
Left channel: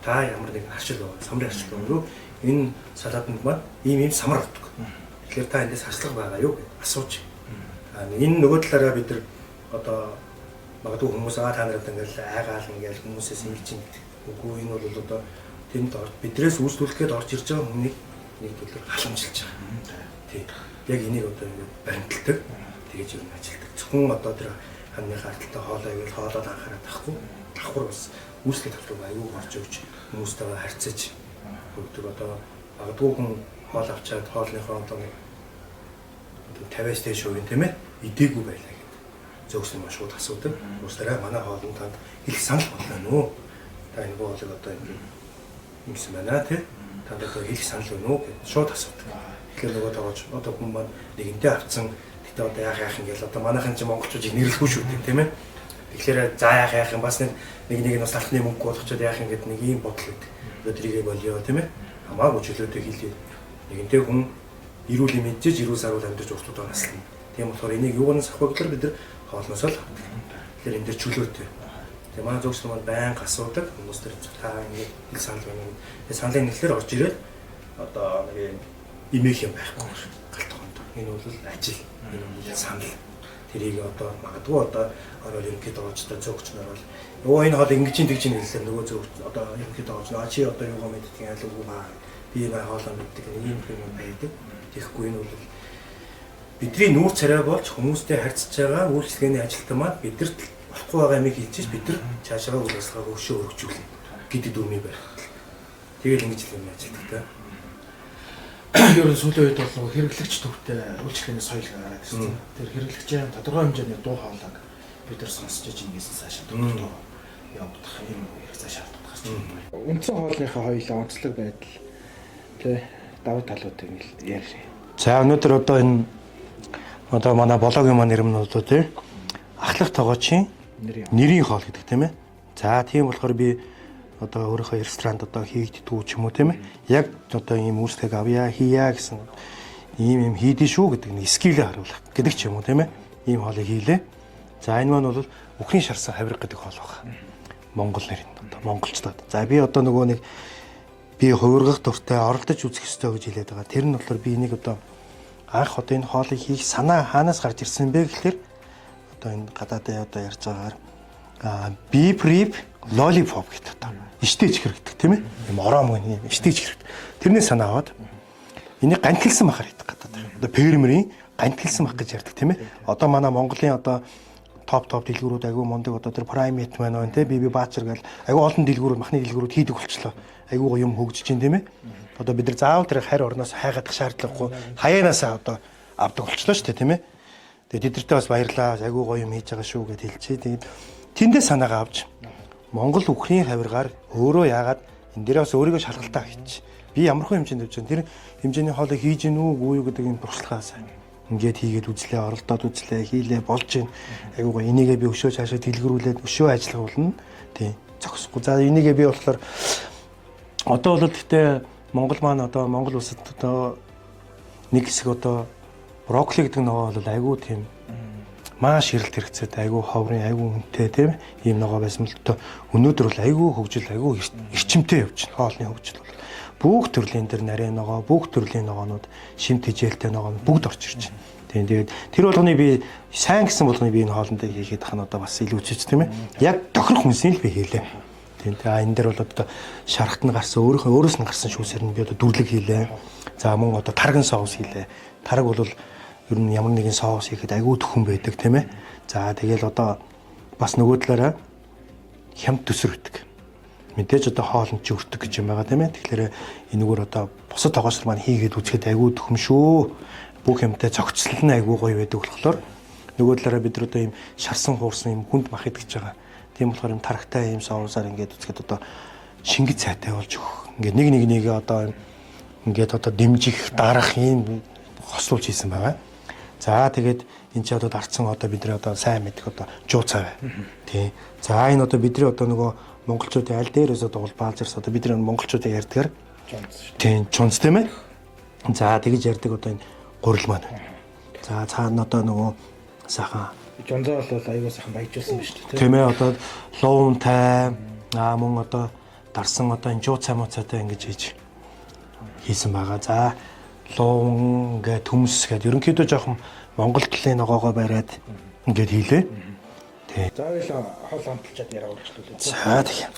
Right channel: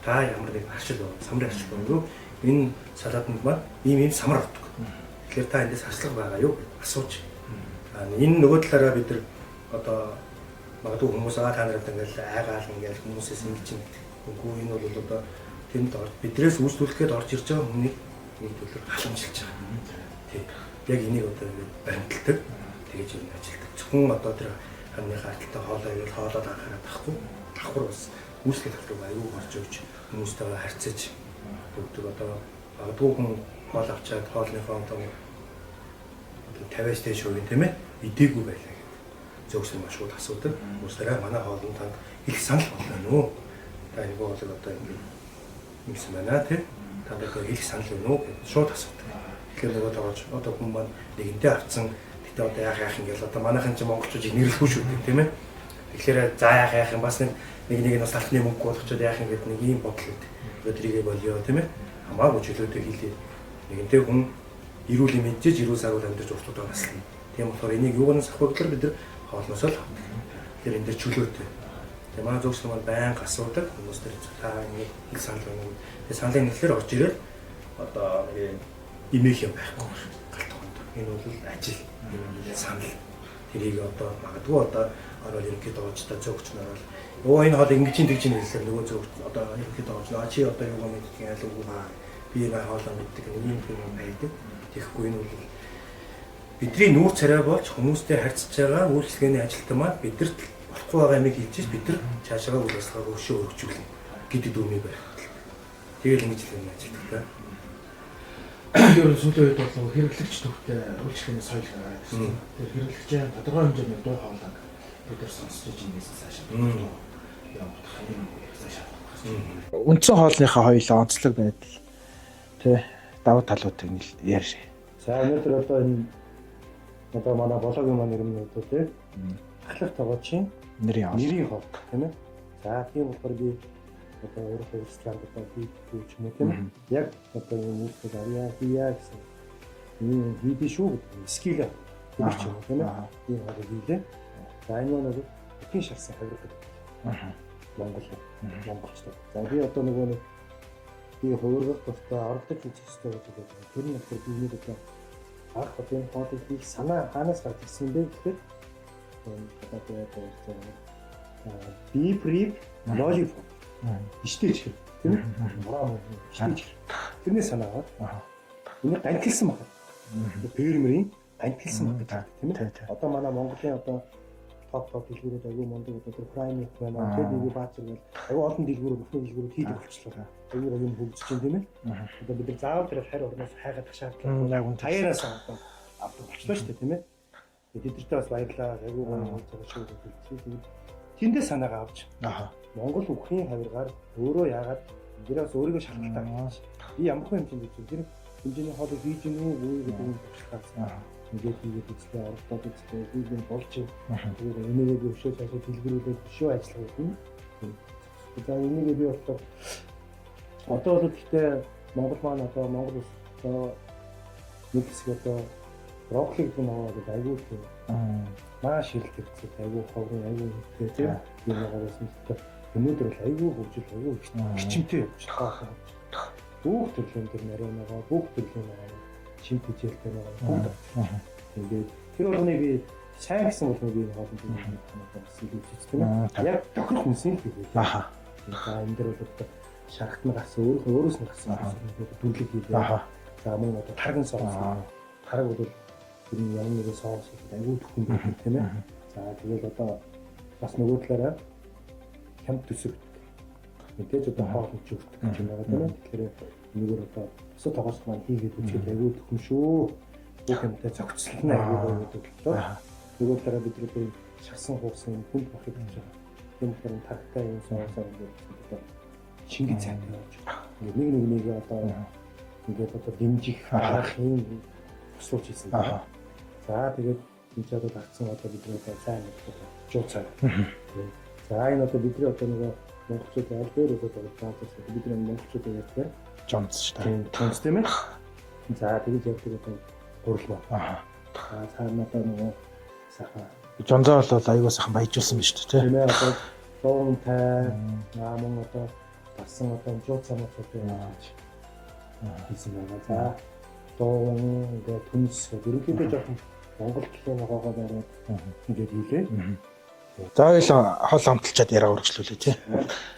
Та ямар нэг арчил байна, самрын арчил байна. Энэ салаатанд маань ийм самар авдаг. Тэгэхээр та эндээс хашлага байгаа юу гэж асууж. Энэ нөгөө талаараа бид нар одоо магадгүй хүмүүс та нарт ингээл айгаал ингээл хүмүүсээс ингэж юм гэдэг. Үгүй энэ бол одоо тэнд бидрээс үйлчлүүлэхэд орж ирж байгаа хүнийг нэг төлөөр халамжилж байгаа. Тий. Яг энийг одоо ингээд баримталдаг. Тэгэж юу ажилтдаг. Зөвхөн одоо тэр ханны харталтай хоолой ивэл хоолоод анхаарал тахгүй. Давхар бас үйлчлэх таврыг аягүй орж өгч хүмүүстэйгээ харьцаж өгдөг. Одоо магадгүй хүн хоол авчаад хоолныхоо одоо 50-аас дээш хувийн тийм ээ идээгүй байлаа гэдэг. Зөксөн маш шууд асуудаг. Уусараа манай хоолнд танд их санал болно нөө. Та энэ боолыг одоо ингээд юмсан байна тий. Танд одоо их санал байна уу гэж шууд асуудаг. Тэгэхээр нөгөө тоогооч одоо хүн маань нэгэнтээ авцсан. Гэтэ одоо яах ингээл одоо манайхан ч монголчууд нэрлэхгүй шүү дээ тийм ээ. Тэгэхээр за яах юм бас нэг нь бас алтны мөнгө болгочод яах юм гэдэг нэг ийм бодол үүд. Өдрийгээ болио тийм ээ. Хамаагүй чөлөөтэй хийлээ. Нэгэнтээ хүн эрүүл мэдээж эрүүл саруул амьдарч уртууд наслана. Тийм болохоор энийг юугаас авах вэ гэхээр бид нар хоолноос л авдаг. Тэгэхээр энэ дэр чөлөөтэй. Тэгээ манай зөвс маань байнга асуудаг хүмүүс төр та ингэ хэл санал байна. Тэгээ саналын нэглэлээр орж ирээд одоо нэг имэх юм байхгүй галт хонд. Энэ бол ажил. Энэ бол санал. Тэрийг одоо магадгүй одоо орол ерөнхийдөө оожтой зөөгч нар бол ёо энэ хоол ингэж тэгж хэлсэн нөгөө зөөгч одоо ерөнхийдөө оож наа чи одоо юугаа мэддэг айл үгүй ба би энэ хоолоо мэддэг нэг юм юм байдаг. Тэгэхгүй энэ бол бидний нүүр царай болж хүмүүстэй харьцаж байгаа үйлчлэгээний ажилтан маань бидэрт болохгүй байгаа юмыг хэлж бид нар цаашаа үйл ажиллагааг өшөө өргөжүүлнэ гэдэг дүрмийг барих. Тэгэл ингэж л юм ажилтдаг та. Ер нь сүүлийн үед бол хэрэглэгч төвтэй үйлчлэгээний соёл гараад ирсэн. Тэр хэрэглэгчийн тодорхой хэмжээний дуу хоолойг бид нар сонсч иж ингээс цаашаа дуу явуулах юм цаашаа гарч байна. Үндсэн хоолныхаа хоёулаа онцлог байдал тий давуу талууд ингээл ярьж. За өнөөдөр одоо энэ одоо манай блогийн маань нэр нь одоо тий ахлах тоогоочийн нэрийн хоол гэдэг тийм ээ. За тийм болохоор би одоо өөрийнхөө ресторанд одоо хийгддгүү ч юм уу тийм ээ. Яг одоо ийм үйлчлэг авъя хийя гэсэн ийм хийдэж шүү гэдэг нэг скилээ харуулах гэдэг ч юм уу тийм ээ. Ийм хоолыг хийлээ. За энэ маань бол үхрийн шарсан хавирга гэдэг хоол байна. Монгол нэр нь одоо монголчдод. За би одоо нөгөө нэг би хувиргах дуртай оролдож үзэх ёстой гэж хэлээд байгаа. Тэр нь болохоор би энийг одоо анх одоо энэ хоолыг хийх санаа хаанаас гарч ирсэн бэ гэхээр одоо энэ гадаадын одоо ярьж байгаагаар beef rib lollipop гэдэг одоо ичтэйч хэрэгтэй тийм ээ. Мором гэнэ ичтэйч хэрэгтэй. Тэрний санаа аваад энийг гантилсан махаар хийдэг гадаад. Одоо фермерийн гантилсан мах гэж ярьдаг тийм ээ. Одоо манай Монголын одоо топ дэлгүүрүүд айгүй мундаг одоо тэр Primate маань байна тийм би Баачар гэл айгүй олон дэлгүүрүүд махны дэлгүүрүүд хийдэг болчлоо. Айгүй юм хөгжиж чинь тийм ээ. Одоо бид нар заавал тэр харь орноос хайгаадах шаардлагагүй хаяанаас одоо авдаг болчлоо шүү дээ тийм ээ. Тэгээд тэдэртээ бас баярлаа. Айгүй гоё юм хийж байгаа шүү гэж хэлчихээ. Тэгээд тэндээ санаагаа авч Монгол үхрийн хавиргаар өөрөө яагаад энэ дээрээ бас өөрийгөө шалгалтаа хийчих. Би ямархуу хэмжээнд явж байгаа. Тэр хэмжээний хоолыг хийж гин үү үгүй юу гэдэг энэ туршлагаас ингээд хийгээд үзлээ, оролдоод үзлээ, хийлээ, болж гин. Айгүй гоё энийгээ би өшөө цаашаа дэлгэрүүлээд өшөө ажиллуулна. Тийм. Зогсохгүй. За энийгээ би болохоор одоо бол гэхдээ Монгол маань одоо Монгол улсад одоо нэг хэсэг одоо брокколи гэдэг ногоо бол айгүй тийм маш хэрэлт хэрэгцээд айгүй ховрын айгүй үнэтэй тийм ийм ногоо байсан л тоо өнөөдөр бол айгүй хөгжил айгүй эрчимтэй явж байна. Хоолны хөгжил бол бүх төрлийн дээр нарийн ногоо, бүх төрлийн ногоонууд шимт хижээлтэй ногоонууд бүгд орж ирж байна. Тийм тэгээд тэр болгоны би сайн гэсэн болгоны би энэ хоолндоо хийгээд тахна одоо бас илүү үчиж тийм ээ. Яг тохирох хүнсийг л би хийлээ. Тийм. Энэ дээр бол одоо шарахт нь гарсан өөрөөс нь гарсан шүүсээр нь би одоо дүрлэг хийлээ. За мөн одоо тарган соус хийлээ. Тараг бол ер нь ямар нэгэн соус хийхэд айгүй төхөн байдаг тийм ээ. За тэгэл одоо бас нөгөө талаараа хямд төсөр өгдөг. Мэдээж одоо хоолнд ч өртөг гэж юм байгаа тийм ээ. Тэгэхээр энэгээр одоо бусад тоогоосор маань хийгээд үзэхэд айгүй төхөм шүү. Бүх юмтай цогцлол нь айгүй гоё байдаг болохоор нөгөө талаараа бид одоо ийм шарсан хуурсан ийм хүнд мах идэж байгаа. Тийм болохоор юм тархтай ийм соусаар ингээд үзэхэд одоо шингэж цайтай болж өгөх. Ингээд нэг одоо ингээд одоо дэмжих дарах ийм хослуулж хийсэн байгаа. За тэгээд энэ ч одоо дарцсан одоо бидний одоо сайн мэдих одоо жуу цай бай. Тий. За энэ одоо бидний одоо нөгөө монголчуудын аль дээрээс одоо улбаалзарс одоо бидний монголчуудын ярьдгаар жонц шүү дээ. Тийм, жонц тийм ээ. За тэгэж ярьдаг одоо энэ гурил маань. За цаана одоо нөгөө сайхан Жонзоо бол аюул сайхан баяжуулсан биз дээ. Тийм ээ одоо луунтай мөн одоо дарсан одоо энэ жуу цай муцаатай ингэж хийсэн байгаа. За луун гэ төмс гэд ерөнхийдөө жоохон монгол талын ногоогоо бариад ингэж хийлээ. Тий. За хоёул хол амталчаад яриа үргэлжлүүлээ тий. За тийм.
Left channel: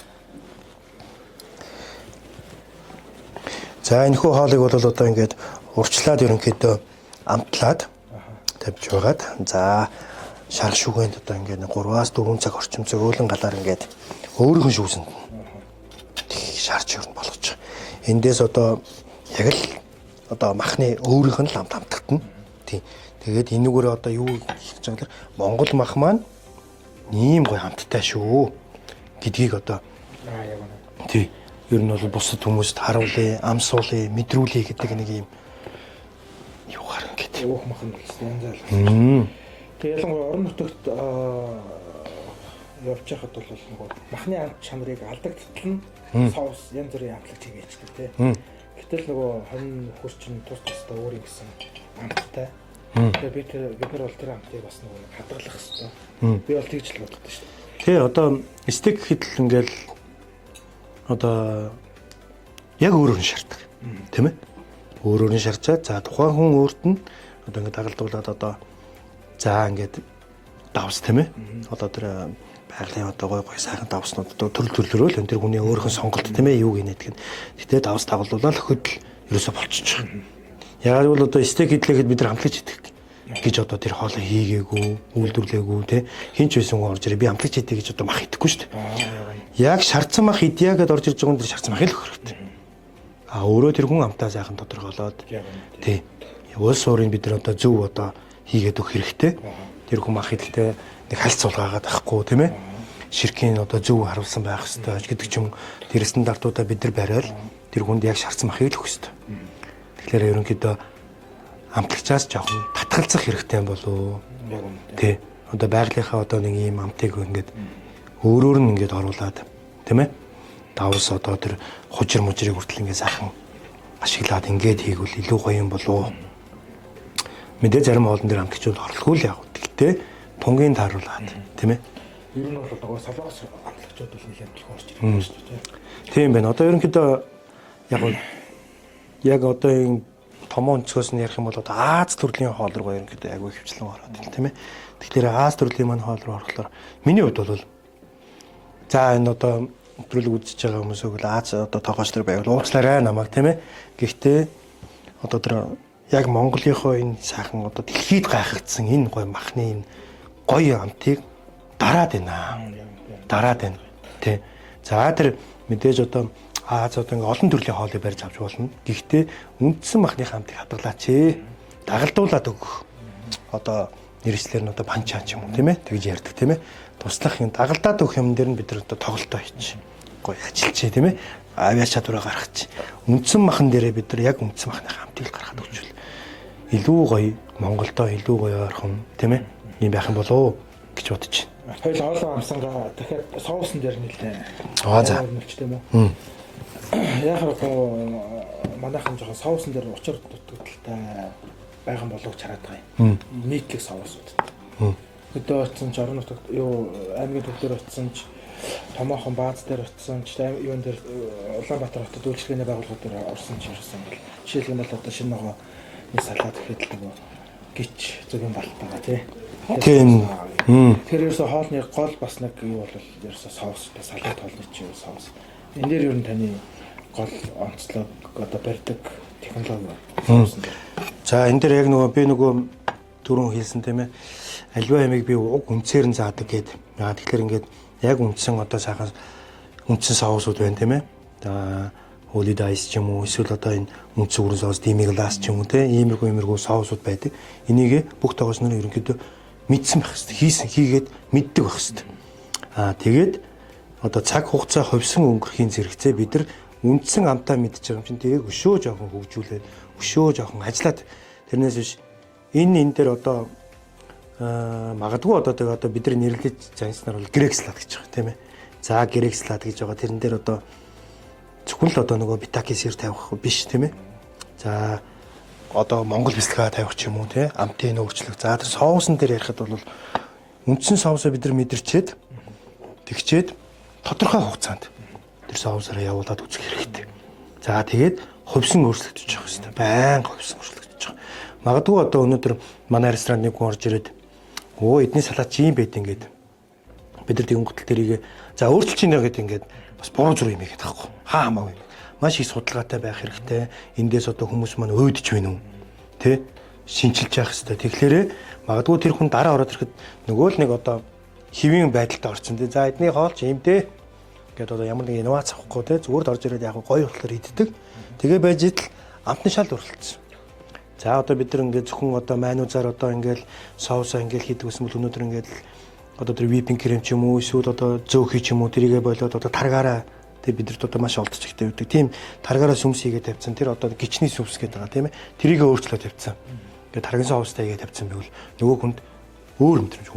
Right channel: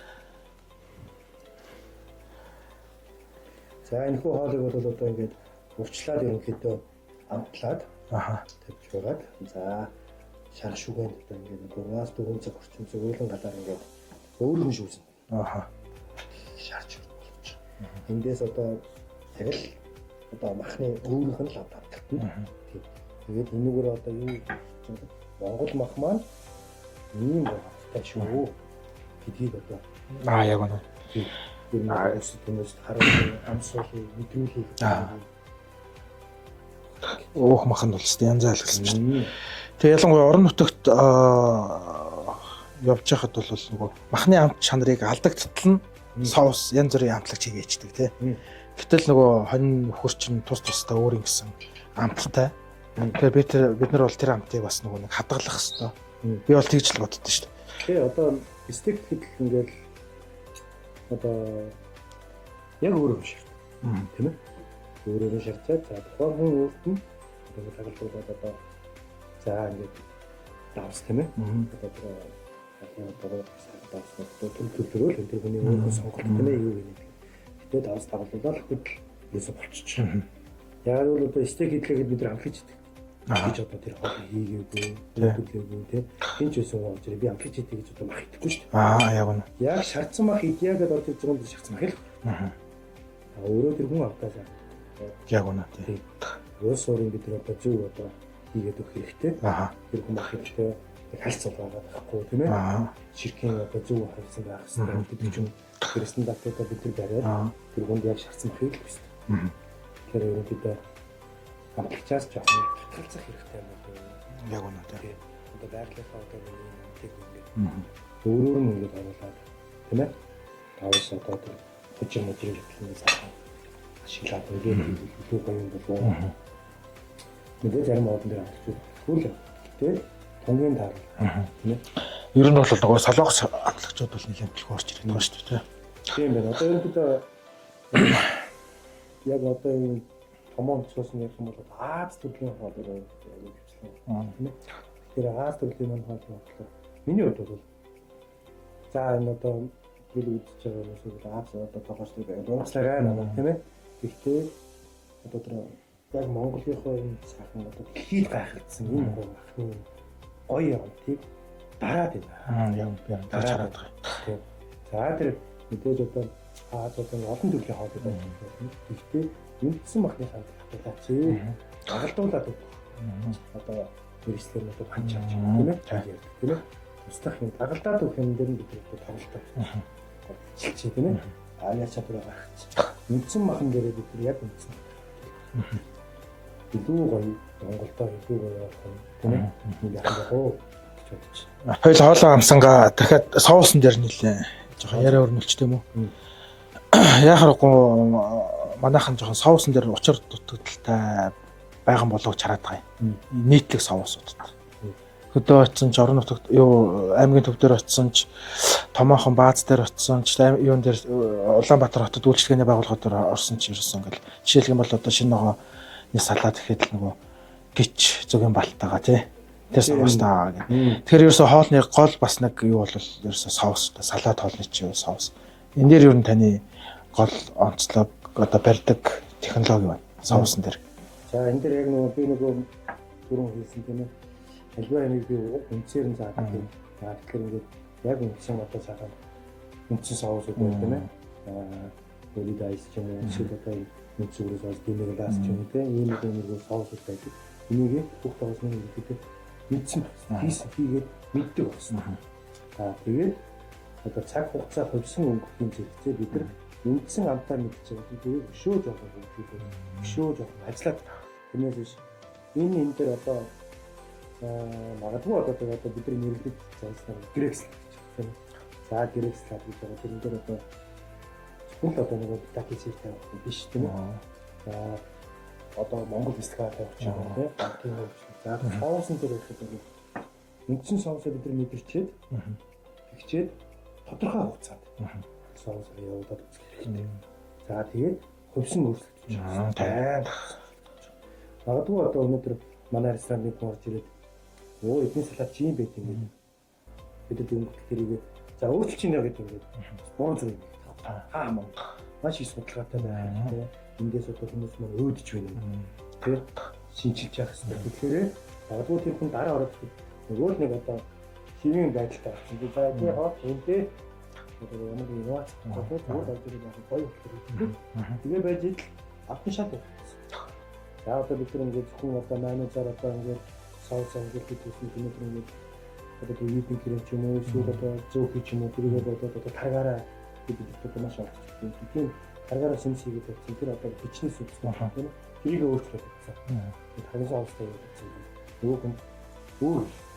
За энэ хүү хоолыг бол одоо ингэж урчлаад ерөнхийдөө амтлаад тавьж байгаад за шар шүгэнд одоо ингээд 3-4 цаг орчим зөөлөн галаар ингээд өөрийнхөө шүүсэнд шарж өрн болгож байгаа. Эндээс одоо яг л одоо махны өөрийнх нь л амт амтгатна. Тий. Тэгээд энүүгээр одоо юу хийж байгаа гэхээр Монгол мах маань ийм гоё амттай шүү гэдгийг одоо яг үнэ. Тий. Ер нь бусад хүмүүст харуулъя, амсуулъя, мэдрүүлъя гэдэг нэг юм юу гарах гэдэг. Өөх мах нь бол янз янзалсан шүү дээ. Тэгээ ялангуяа орон нутагт явж байхад бол нөгөө махны амт чанарыг алдагдтал нь соус янз бүрийн амтлагч хийгээчдэг тий. Гэтэл нөгөө хонь хөрчин тус тустай өөр юм гисэн амттай. Тэгээ бид нар бол тэр амтыг бас нөгөө нэг хадгалах хэрэгтэй. Би бол тэгж л боддоо шүү дээ. Тэгээ одоо стейк хийдэл ингээл одоо яг өөрөөр нь шаарддаг. Тийм ээ. Өөрөөр нь шарчаад за тухайн хүн өөрт нь одоо ингээд дагалдуулаад одоо за ингээд давс тийм ээ. Одоо тэр байгалийн одоо гой сайхан давснууд одоо төрөл энэ тэр хүний өөрийнхөө сонголт тийм ээ юу гинэдэг. Гэтэ давс дагалдуулаад хөдөл ерөөсө болчихж байгаа. Яг л одоо стейк хийдлэхэд бид нар хамтлагч хийдэг гэж одоо тэр хоолыг хийгээгүй, үйлдвэрлээгүй тий. Хинч байсан хүн орж ирээ би хамтлагч хийдэг гэж одоо мах идэхгүй шүү дээ. Яг үнэ. Яг шардсан мах идъя гэдээ орж ирж байгаа хүн тэр шардсан махыг л өгөх хэрэгтэй. Өөрөө тэр хүн амтаа сайхан тодорхойлоод яг үнэ. Тий. Улс уурын бид нар одоо зөв одоо хийгээд өгөх хэрэгтэй. Тэр хүн мах идэлтэй нэг хальт суулгаагаад авахгүй тийм ээ. Ширкийн одоо зөв харуулсан байх хэрэгтэй гэдэг ч юм тэр стандартуудаа бид нар бариад тэр хүнд яг шаардсан махыг л өгөх хэрэгтэй. Тэгэхээр ерөнхийдөө амтлагчаас жоохон татгалзах хэрэгтэй юм болов. Яг үнэ. Тий. Одоо байгалийнхаа одоо нэг ийм амтыг ингээд өөрөөр нь ингээд оруулаад тийм ээ. Давс одоо тэр хужир мужирыг хүртэл ингээд сайхан ашиглаад ингээд хийгвэл илүү гоё юм болов. Мэдээ зарим хоолн дээр амтлагчуд орлохгүй л яг. Гэхдээ тунгийн тааруулаад тийм ээ. Ер нь бол нөгөө солонгос амтлагчуд бол нэг амтлах орж ирэх юм шүү дээ. Тийм байна. Одоо ерөнхийдөө яг одоо энэ томоо өнцгөөс нь ярих юм бол одоо Аз төрлийн хоол руу ерөнхийдөө агүй хөвчлэн ороод тийм ээ. Тэгэхээр Аз төрлийн маань хоол руу орохлоор миний хувьд бол за энэ одоо өдрөлөг үзэж байгаа хүмүүсөө л Аз одоо тоогооч төр байвал уучлаарай намайг тийм ээ. Гэхдээ одоо тэр яг Монголынхоо энэ сайхан одоо дэлхийд гайхагдсан энэ гоё махны энэ гоё амтыг дараад байна. Дараад байна. Тий. За тэр мэдээж одоо Аз одоо ингээ олон төрлийн хоолыг барьж авч болно. Гэхдээ үндсэн махны хамтыг хадгалаач ээ. Дагалдуулаад өгөх. Одоо нэршлэр нь одоо панчаач юм уу тийм ээ. Тэгж ярьдаг тийм ээ. Туслах юм дагалдаад өгөх юм дээр нь бид нар одоо тоглолтоо хийчих. Гоё ажиллачээ тийм ээ. Авиач чадвараа гаргачих. Үндсэн махан дээрээ бид нар яг үндсэн махны хамтыг гаргаад өгчвөл илүү гоё Монголдоо илүү гоё ойрхон тийм ээ. Ийм байх юм болов гэж бодож байна. Хоёул хоолоо амсангаа дахиад соусын дээр нэлээ. За өрнөлч тийм үү? Яхахгүй манайхан жоохон соусын дээр учир дутагдaltaй байгаа болов ч хараад байгаа юм. Нийтлэг соусууд. Өдөө очсон ч орон нутагт юу аймгийн төв дээр очсон ч томоохон бааз дээр очсон ч юун дээр Улаанбаатар хотод үйлчлэгээний байгууллагууд дээр орсон ч ирсэн ингээл жишээлх юм бол одоо шинэ ногооны салаад гэхэд л нөгөө гिच зөвгийн балтайгаа тий Энтэс таа. Тэгэхээр ерөөсө хоолны гол бас нэг юу бол ерөөсө соус, салат хоолны чи соус. Энэ дээр ер нь таны гол онцлог одоо барьдаг технологи байна. Соусан дээр. За энэ дээр яг би түрүүн хэлсэн тийм ээ. Аливаа ямиг би уг үнцээр нь заадаг гэдэг. Тэгэхээр ингээд яг үндсэн одоо сайхан үндсэн соусууд байна тийм ээ. Holy Dice ч юм уу эсвэл одоо энэ үндсэн өрөө соус, Demi-glace ч юм уу тийм иймэрхүү соусууд байдаг. Энийг бүх тоогоос нь ерөнхийдөө мэдсэн байх хэрэгтэй. Хийгээд мэддэг байх хэрэгтэй. Тэгээд одоо цаг хугацаа ховсон өнгөрөхийн зэрэгцээ бид нар үндсэн амтаа мэдж байгаа юм чинь тэгээд өшөө жоохон хөгжүүлээд өшөө жоохон ажиллаад тэрнээс биш энэ дээр одоо магадгүй одоо бид нар нэрлэж занснаар бол грек салат гэж байгаа тийм ээ. За грек салат гэж байгаа тэрэн дээр одоо зөвхөн л одоо нөгөө битакисэр тавих биш тийм ээ. За одоо Монгол бэлтгэл тавих ч юм уу тийм амтын өөрчлөлт. За тэр соусын дээр ярихад бол үндсэн соусоо бид нар мэдэрчээд тэгчээд тодорхой хугацаанд тэр соусаараа явуулаад үзэх хэрэгтэй. За тэгээд хөвсөн өөрчлөгдөж байгаа хэрэгтэй. Байнга хөвсөн өөрчлөгдөж байгаа. Магадгүй одоо өнөөдөр манай ресторанд нэг хүн орж ирээд эдний салат чи юм байт ингээд бид нар тэгэн гутал тэрийг за өөрчилж ийнэ гэдэг ингээд бас буруу зүрх юм ихэд таахгүй. Хамаагүй. Маш их судалгаатай байх хэрэгтэй. Эндээс одоо хүмүүс маань өөдөж байна уу? Тэ? Шинчилж явах хэрэгтэй. Тэгэхээр магадгүй тэр хүн дараа ороод ирэхэд нөгөө л нэг одоо хэвийн байдалд орсон тий. За эдний хоол ч юм дээ. Ингээд одоо ямар нэг инновац авахгүй тий. Зүгээр л орж ирээд яг гоё болохоор иддэг. Тэгээ байж идэл амтны шал өрөлдсөн. За одоо бид нар ингээд зөвхөн одоо манузаар одоо ингээд соусаа ингээд хийдэг гэсэн бол өнөөдөр ингээд одоо тэр випинг крем ч юм уу эсвэл одоо зөөхий ч юм уу тэрийгэ болоод одоо таргаараа тэг бид нарт одоо маш олдож ихтэй үүдэг. Тийм таргаараа сүмс хийгээд тавьсан. Тэр одоо гичний сүмс гэдэг байгаа тийм ээ. Тэрийгэ өөрчлөө тавьсан. Тэгээд таргын соустай хийгээд тавьсан байвал нөгөө хүнд өөр мэдрэмж.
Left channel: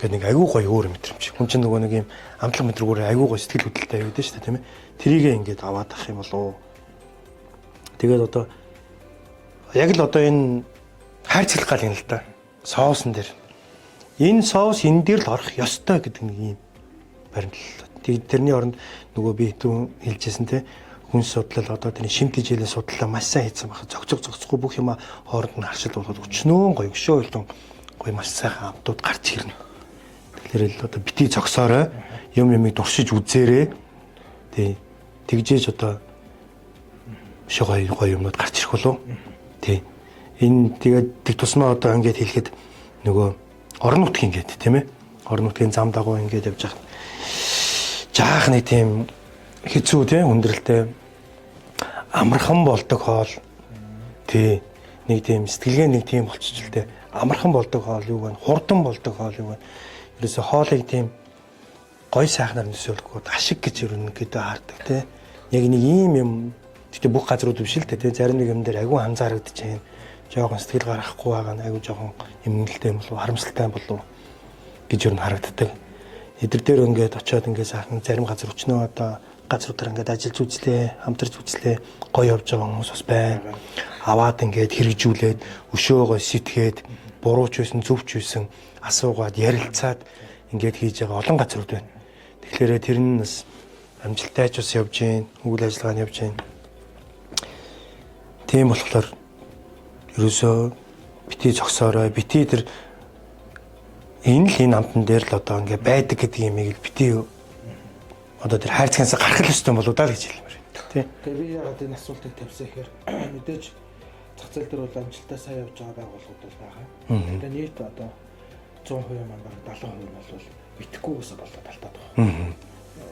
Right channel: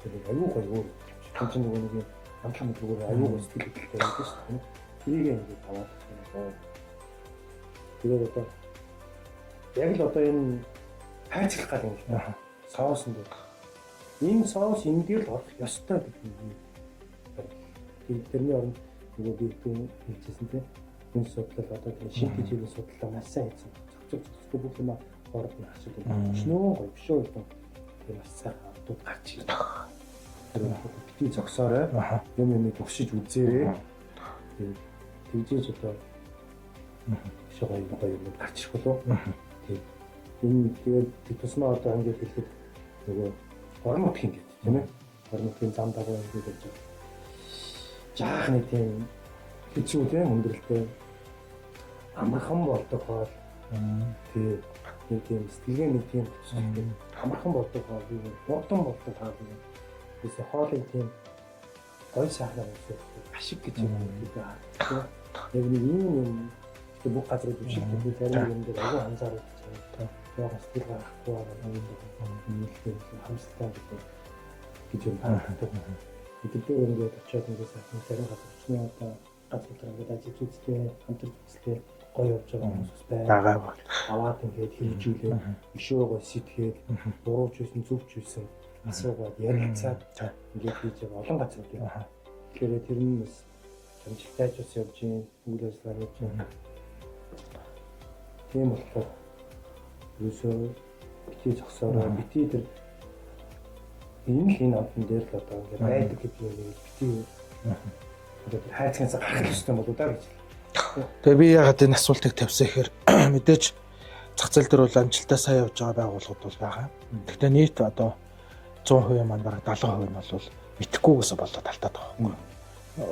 Гэт нэг айгүй гоё өөр мэдрэмж. Хүн чинь нөгөө нэг юм амтлаг мэдрэгүүр айгүй гоё сэтгэл хөдлөлтэй юм дээ шүү дээ тийм ээ. Тэрийгэ ингээд аваад ах юм болов. Тэгээд одоо яг л одоо энэ хайрцаглах гал юм л да. Соусан дээр. Энэ соус энэ дээр л орох ёстой гэдэг нэг юм баримтлал. Тэгээд тэрний оронд нөгөө би түрүүн хэлжсэн те хүн судлал одоо тэрний шимт хичээлийн судлаа маш сайн хийсэн байна. Зогцохгүй бүх юм хооронд нь харшил болоод өчнөө гоё өшөө ойлдон гоё маш сайхан амтууд гарч ирнэ. Тэгэхээр л одоо бити зогсоорой юмыг дуршиж үзээрэй. Тий. Тэгжээж одоо шогой гоё юмнууд гарч ирэх болов. Тий. Энэ тэгээд тэг тусмаа одоо ингээд хэлэхэд нөгөө орон нутгийн ингээд тийм ээ. Орон нутгийн зам дагуу ингээд явж байгаа. Жаах нэг тийм хэцүү тийм өндөрлөлтэй амархан болдог хоол. Тий. Нэг тийм сэтгэлгээ нэг тийм болчихжээ. Амархан болдог хоол юу вэ? Хурдан болдог хоол юу вэ? Ерөөсө хоолыг тийм гой сайхнаар нөсөөлөхгүй ашиг гэж юу гэдэг хардаг тий. Яг нэг ийм юм гэхдээ бүх газрууд биш л тий. Зарим нэг юм дээр айгүй анзаарэгдэж байна. Жохон сэтгэл гаргахгүй байгаа нь айгүй жохон эмгэнэлтэй юм болов харамсалтай болов гэж юу харагддаг. Эдгээр дээр ингээд очиод ингээд сайхан зарим газар өчнөө одоо газруудаар ингээд ажиллаж үзлээ, хамтарч үзлээ, гоё явж байгаа хүмүүс бас байна. Аваад ингээд хэрэгжүүлээд өшөөгөө сэтгээд бурууч байсан, зөвч байсан асуугаад ярилцаад ингээд хийж байгаа олон газрууд байна. Тэгэхээр тэр нь бас амжилттай ч бас явж гин, үйл ажиллагаа нь явж гин. Тийм болохоор ерөөсөө бити зогсоорой, бити тэр энэ амтан дээр л одоо ингээд байдаг гэдэг юмыг л бити одоо тэр хайрцагнаас гарах л ёстой болоо даа гэж хэлмээр байна. Тий. Тэгээ би ягаад энэ асуултыг тавьсан гэхээр мэдээж зах зээл дээр бол амжилтаа сайн явж байгаа байгууллагууд бол байгаа. Гэхдээ нийт одоо 100% маань бараг 70% нь бол итгэхгүйгээс болоод алдаад байгаа.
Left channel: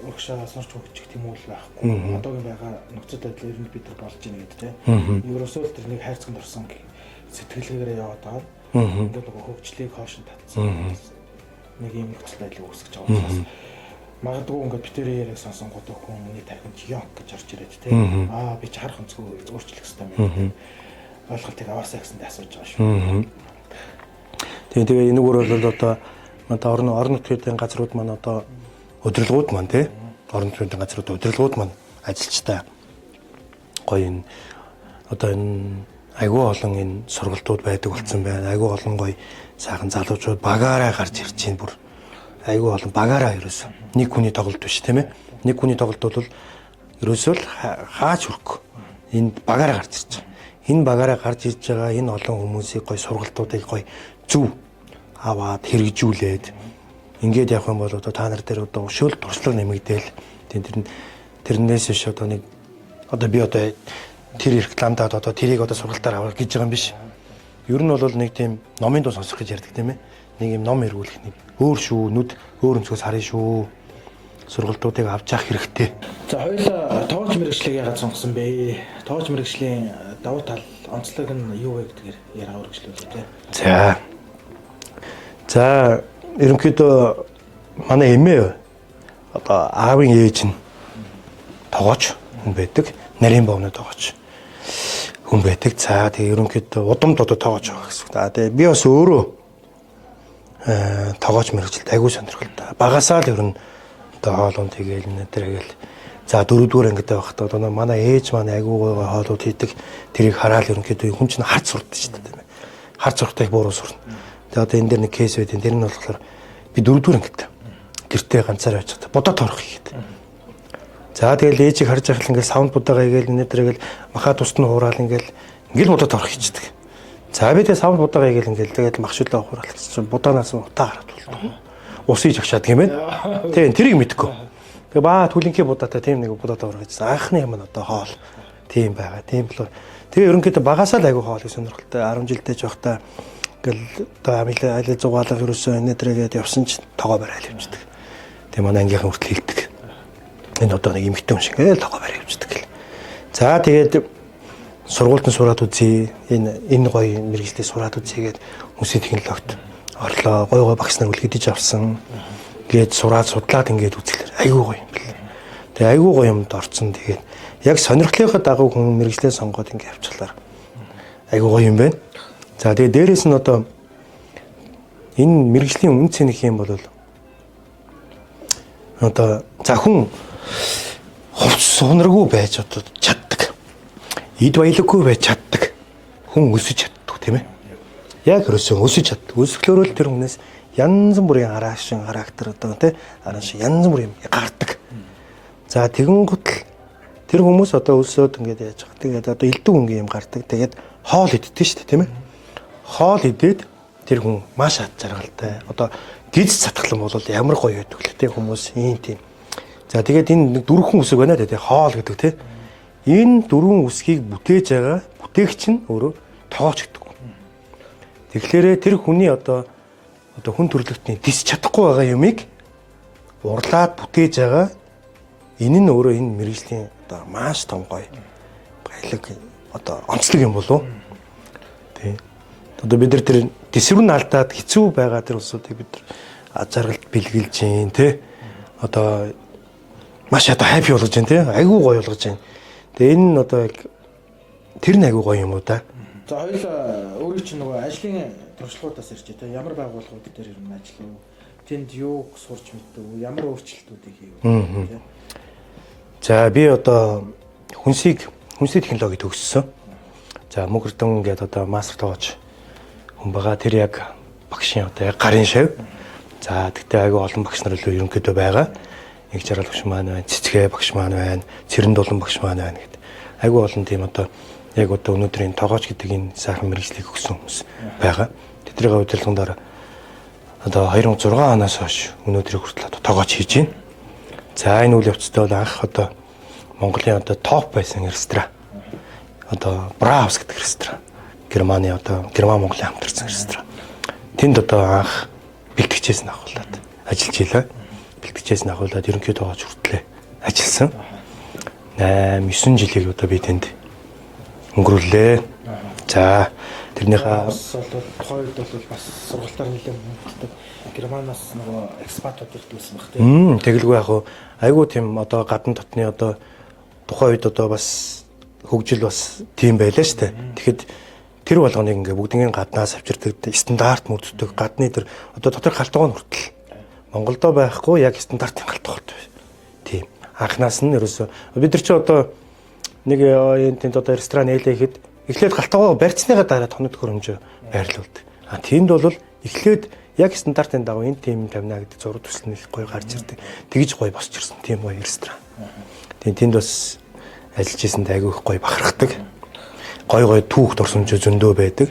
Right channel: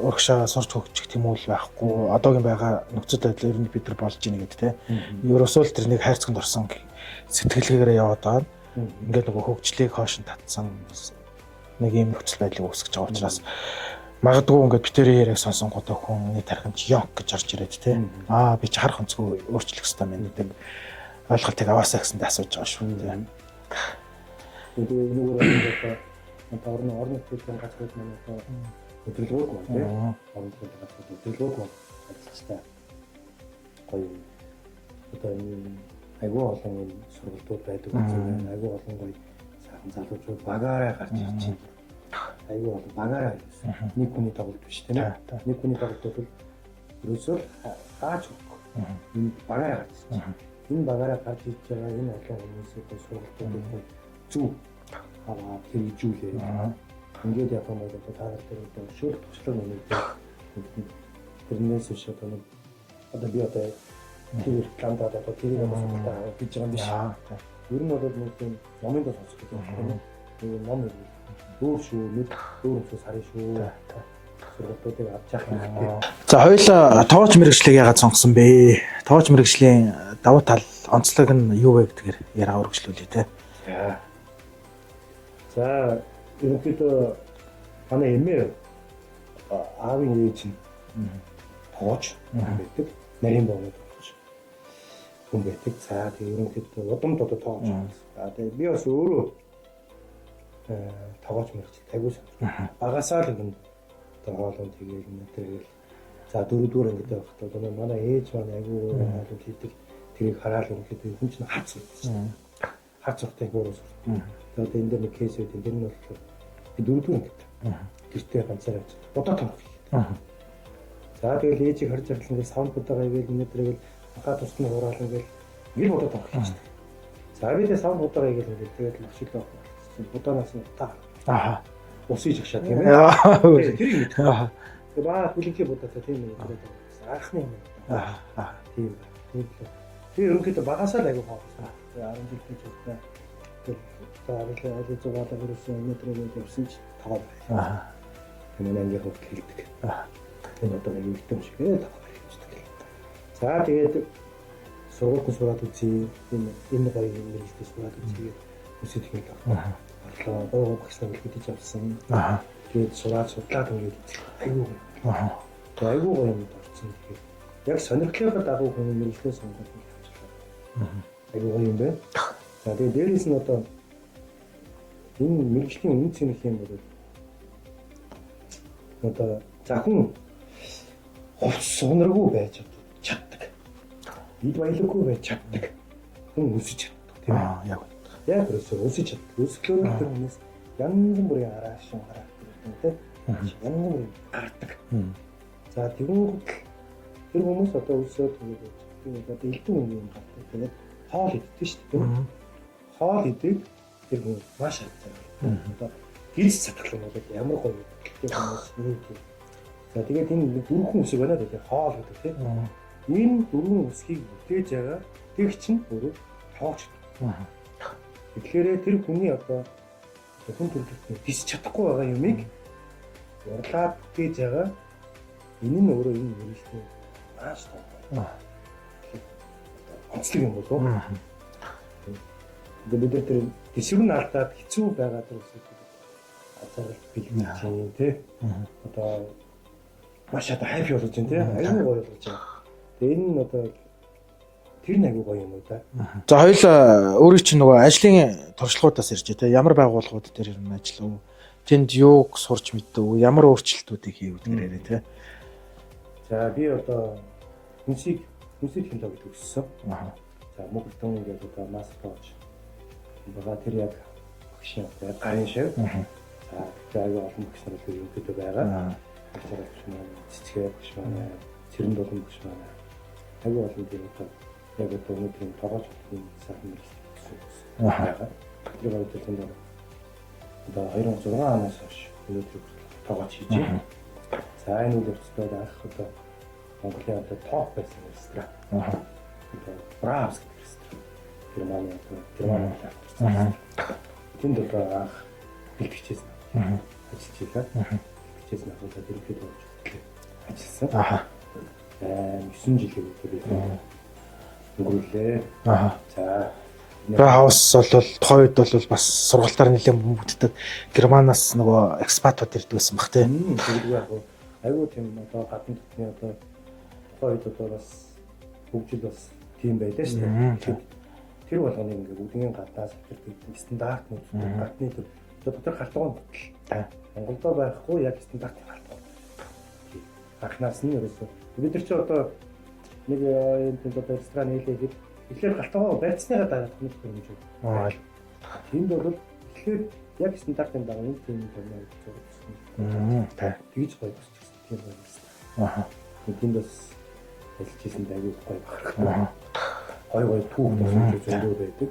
Урагшаа сурч хөгжих тийм үйл байхгүй. Одоогийн байгаа нөхцөл байдал ер нь бид нар болж ийн гэдэг тий. Ерөөсөө л тэр нэг хайрцагт орсон сэтгэлгээгээр яваад байгаа. Ингээд нөгөө хөгжлийг хоош нь татсан. Нэг юм нөхцөл байдлыг үүсгэж байгаа учраас магадгүй ингээд битэрийн яриаг сонсонгууд хүн нэг тархинд ёнк гэж орж ирээд тий. Би чи харах өнцгөө өөрчлөх хэрэгтэй юм гэдэг ойлголтыг аваасаа гэсэндээ асууж байгаа шүү. Тэгээ энэ өөр бол одоо манай орон нутгийн газрууд маань одоо удирдлагууд маань тий. Орон нутгийн газрууд удирдлагууд маань ажилчтай гоё энэ одоо энэ айгүй олон энэ сургалтууд байдаг болсон байна. Айгүй олон гоё сайхан залуучууд багаараа гарч ирж байна бүр. Айгүй олон багаараа ерөөсөн. Нэг хүний тоглолт биш тийм ээ. Нэг хүний тоглолт бол ерөөсөө л хаач хөрөхгүй. Энэ багаараа гарч ирж байгаа. Энэ багаараа гарч ирж байгаа энэ олон хүмүүсийг гоё сургалтуудыг гоё зөв аваад хэрэгжүүлээд ингээд явах юм бол одоо та нар дээр одоо өшөөл туршлага нэмэгдээл тэрнээс биш одоо нэг одоо би одоо тэр рекламдаад одоо тэрийг одоо сургалтаар авах гэж байгаа юм биш. Ер нь бол нэг тийм номын дуу сонсох гэж ярьдаг тийм ээ. Нэг юм ном эргүүлэх нэг өөр шүү, нүд өөр өнцгөөс харна шүү. Сургалтуудыг авч явах хэрэгтэй. За хоёулаа тооч мэрэгчлийг яагаад сонгосон бэ? Тооч мэрэгжлийн давуу тал онцлог нь юу вэ гэдгээр яриа өргөжлүүлээ те. За ерөнхийдөө манай эмээ одоо аавын ээж нь тогооч хүн байдаг. Нарийн бовны тогооч хүн байдаг. За тэгээ ерөнхийдөө удамд одоо тогооч байгаа гэсэн. Тэгээ би бас өөрөө тогооч мэрэгчлэлд аягүй сонирхолтой. Багасаа л ер нь одоо хоолунд тэгээл нэтэргээл за дөрөвдүгээр ангид байхдаа одоо манай ээж маань аягүй гоё хоолууд хийдэг. Тэрийг хараад ерөнхийдөө хүн чинь харц сурдаг шүү дээ тийм ээ. Харц суртайг бууруу сурна. Тэгээ одоо энэ дэр нэг кейс байдیں۔ Тэр нь болохоор би дөрөвдүгээр ангид гэртээ ганцаар байж байгаа. Будаа торох хийгээд. За тэгэл ээжийг харж байхад ингээл саунд будаага игээл нэтэргээл махаа тусд нь хураал ингээл будаа торох хийдэг. За би тэгээ саунд будаага игээл ингээл тэгэл махшуулаа хураал чинь будаанаас утаа гараад бол. Усыг агшаад тийм ээ. Тийм тэрийг мэдгүй. Тэгээ баа түлэнхий будаатай тийм нэг будаа торох гэсэн. Анхны юм одоо хоол. Тийм байгаа. Тийм л. Тэгээ ерөнхийдөө багасаа л айгүй хоолыг сонирхолтой. 10 жилдээ жоохтой ингээл одоо айлаа зугаалга ерөөсөө нэтрэгээд явсан чинь тогоо барайл явчихдаг. Тэгээ манай ангийнхан хүртэл хэлдэг. Энэ одоо нэг эмэгтэй хүн шиг ингээл тогоо барай явчихдаг гэл. За тэгээд сургуульд нь сураад үзье. Энэ гоё мэргэжлээ сураад үзье гээд хүмүүсийн технологид орлоо. Гой багш нар үлгэдэж авсан. Гээд сураад судлаад ингээд үзэлэр айгүй гоё юм бэл. Тэгээ айгүй гоё юмд орцсон. Тэгээд яг сонирхлынхаа дагуу хүн мэргэжлээ сонгоод ингээд явуулаар айгүй гоё юм байна. За тэгээ дээрэс нь одоо энэ мэргэжлийн үн цэнх юм бол одоо за хүн хувц сунаргүй байж одоо чаддаг. Эд баялаггүй байж чаддаг. Хүн өсөж чаддаг тийм ээ. Яг өрөөсөө өсөж чаддаг. Өсгөлөөрөө тэр хүнээс янз бүрийн араашин характер одоо тий арааш янз бүрийн гардаг. За тэгэн гутал тэр хүмүүс одоо өсөөд ингээд яаж байгаа. Тэгээд одоо элдв өнгийн юм гардаг. Тэгээд хоол иддэг шүү дээ тийм ээ. Хоол идээд тэр хүн маш ад жаргалтай. Одоо гиз цатгалан бол ямар гоё байдаг л тий хүмүүс ийм тийм. За тэгээд энэ дөрвөн үсэг байна тий хоол гэдэг тий. Энэ дөрвөн үсгийг бүтээж байгаа бүтээгч нь өөрөө тоогч гэдэг. Тэгэхээр тэр хүний одоо хүн төрөлхтний тис чадахгүй байгаа юмыг урлаад бүтээж байгаа энэ нь өөрөө энэ мэргэжлийн одоо маш том гоё баялаг одоо онцлог юм болов. Тий. Одоо бид нар тэр тисвэрн алдаад хэцүү байгаа тэр улсуудыг бид нар жаргалд бэлгэлж гин тий. Одоо маш одоо хайпи болгож гин тий. Айгүй гоё болгож гин. Тэгээ энэ нь одоо тэр нь айгүй гоё юм уу да. За хоёул өөрөө чинь нөгөө ажлын туршлагуудаас ирж тий. Ямар байгууллагууд дээр ер нь ажиллав? Тэнд юуг сурч мэдв? Ямар өөрчлөлтүүдийг хийв тий. За би одоо хүнсийн технологи төгссөн. За Мөнхөрдөн гэдэг одоо мастер тоож хүн байгаа. Тэр яг багшийн одоо яг гарын шав. За тэгтээ айгүй олон багш нар л ерөнхийдөө байгаа. Нэг жаргал багш маань байна, цэцгээ багш маань байна, цэрэн дулан багш маань байна гэдэг. Айгүй олон тийм одоо яг одоо өнөөдрийн тоогооч гэдэг энэ сайхан мэргэжлийг өгсөн хүмүүс байгаа. Тэдний удирдлагуудаар одоо 2006 оноос хойш өнөөдрийг хүртэл одоо тоогооч хийж байна. За энэ үйл явцтай бол анх одоо Монголын одоо топ байсан ресторан. Одоо Браус гэдэг ресторан. Германы одоо Герман Монголын хамтарсан ресторан. Тэнд одоо анх бэлтгэжээс нь ахуулаад ажиллаж илаа. Бэлтгэжээс нь ахуулаад ерөнхийдөө тоогооч хүртлээ ажилласан. 8-9 жилийг одоо би тэнд өнгөрүүллээ. За тэрнийхээ хаус бол тухайн үед бол бас сургалтаар нэлээд бүгддэг Германаас нөгөө экспатууд ирдэг байсан баг тийм. Тэгэлгүй яг айгүй тийм одоо гадна дотны одоо тухайн үед одоо бас хөгжил бас тийм байлаа шүү дээ. Тэгэхэд тэр болгоныг ингээ бүгднийг гаднаас авчирдаг стандарт мөрддөг гадны тэр одоо дотор халтгоо хүртэл Монголдо байхгүй яг стандартын халтгоот тийм. Анхнаас нь ерөөсөө бид нар чи одоо нэг тэнд одоо ресторан нээлэхэд эхлээд галтгоо барьцныгаа дараа тоног хөрөмжөө байрлуулдаг. Тэнд бол эхлээд яг стандартын дагуу энэ тим тавина гэдэг зураг төсөл нь гоё гарч ирдэг. Тэгж гоё босч ирсэн тийм гоё ресторан. Тэнд бас ажиллаж ирсэнд айгүй их гоё бахархдаг. Гоё гоё түүх дурсамж зөндөө байдаг.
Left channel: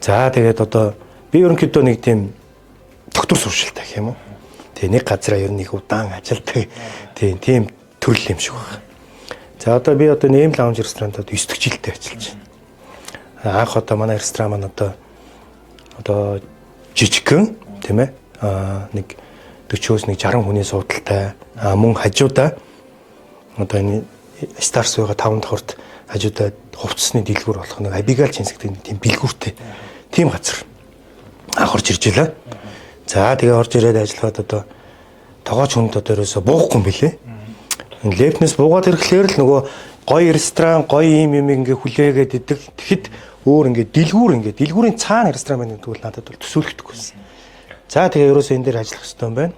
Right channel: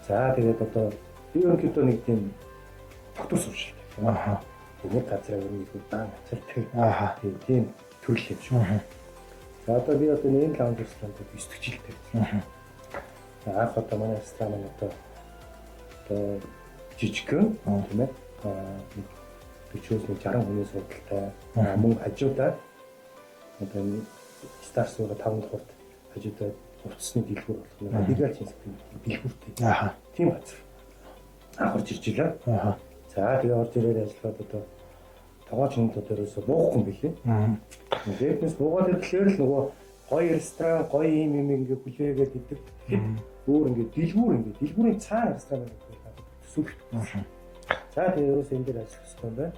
За тэгээд одоо би Би ерөнхийдөө нэг тийм доктор суршилтай гэх юм аа. Тэгээ нэг газараа ер нь их удаан ажилладаг. Тийм төрөл юм шиг байна. За одоо би одоо нэм лаунж ресторантад 9 дэх жилдээ ажиллаж байна. Анх одоо манай ресторан маань одоо жижигхэн тийм ээ нэг 40-оос нэг 60 хүний суудалтай мөн хажуудаа одоо энэ Stars байгаа 5 давхарт хажуудаа хувцсны дэлгүүр болох нэг Abigail Чинсэгтэй тийм бэлгүүртэй тийм газар анх орж ирж байлаа. За тэгээ орж ирээд ажиллаад одоо тогооч хүнд одоо ерөөсө буухгүй юм билэ. Энэ лепнес буугаад ирэхлээр л нөгөө гоё ресторан гоё юм ингээ хүлээгээд идэг. Тэгэхэд өөр ингээ дэлгүүрийн цаана ресторан байна гэдэг нь надад бол төсөөлөгдөхгүйсэн. За тэгээ ерөөсө энэ дээр ажиллах хэрэгтэй юм байна.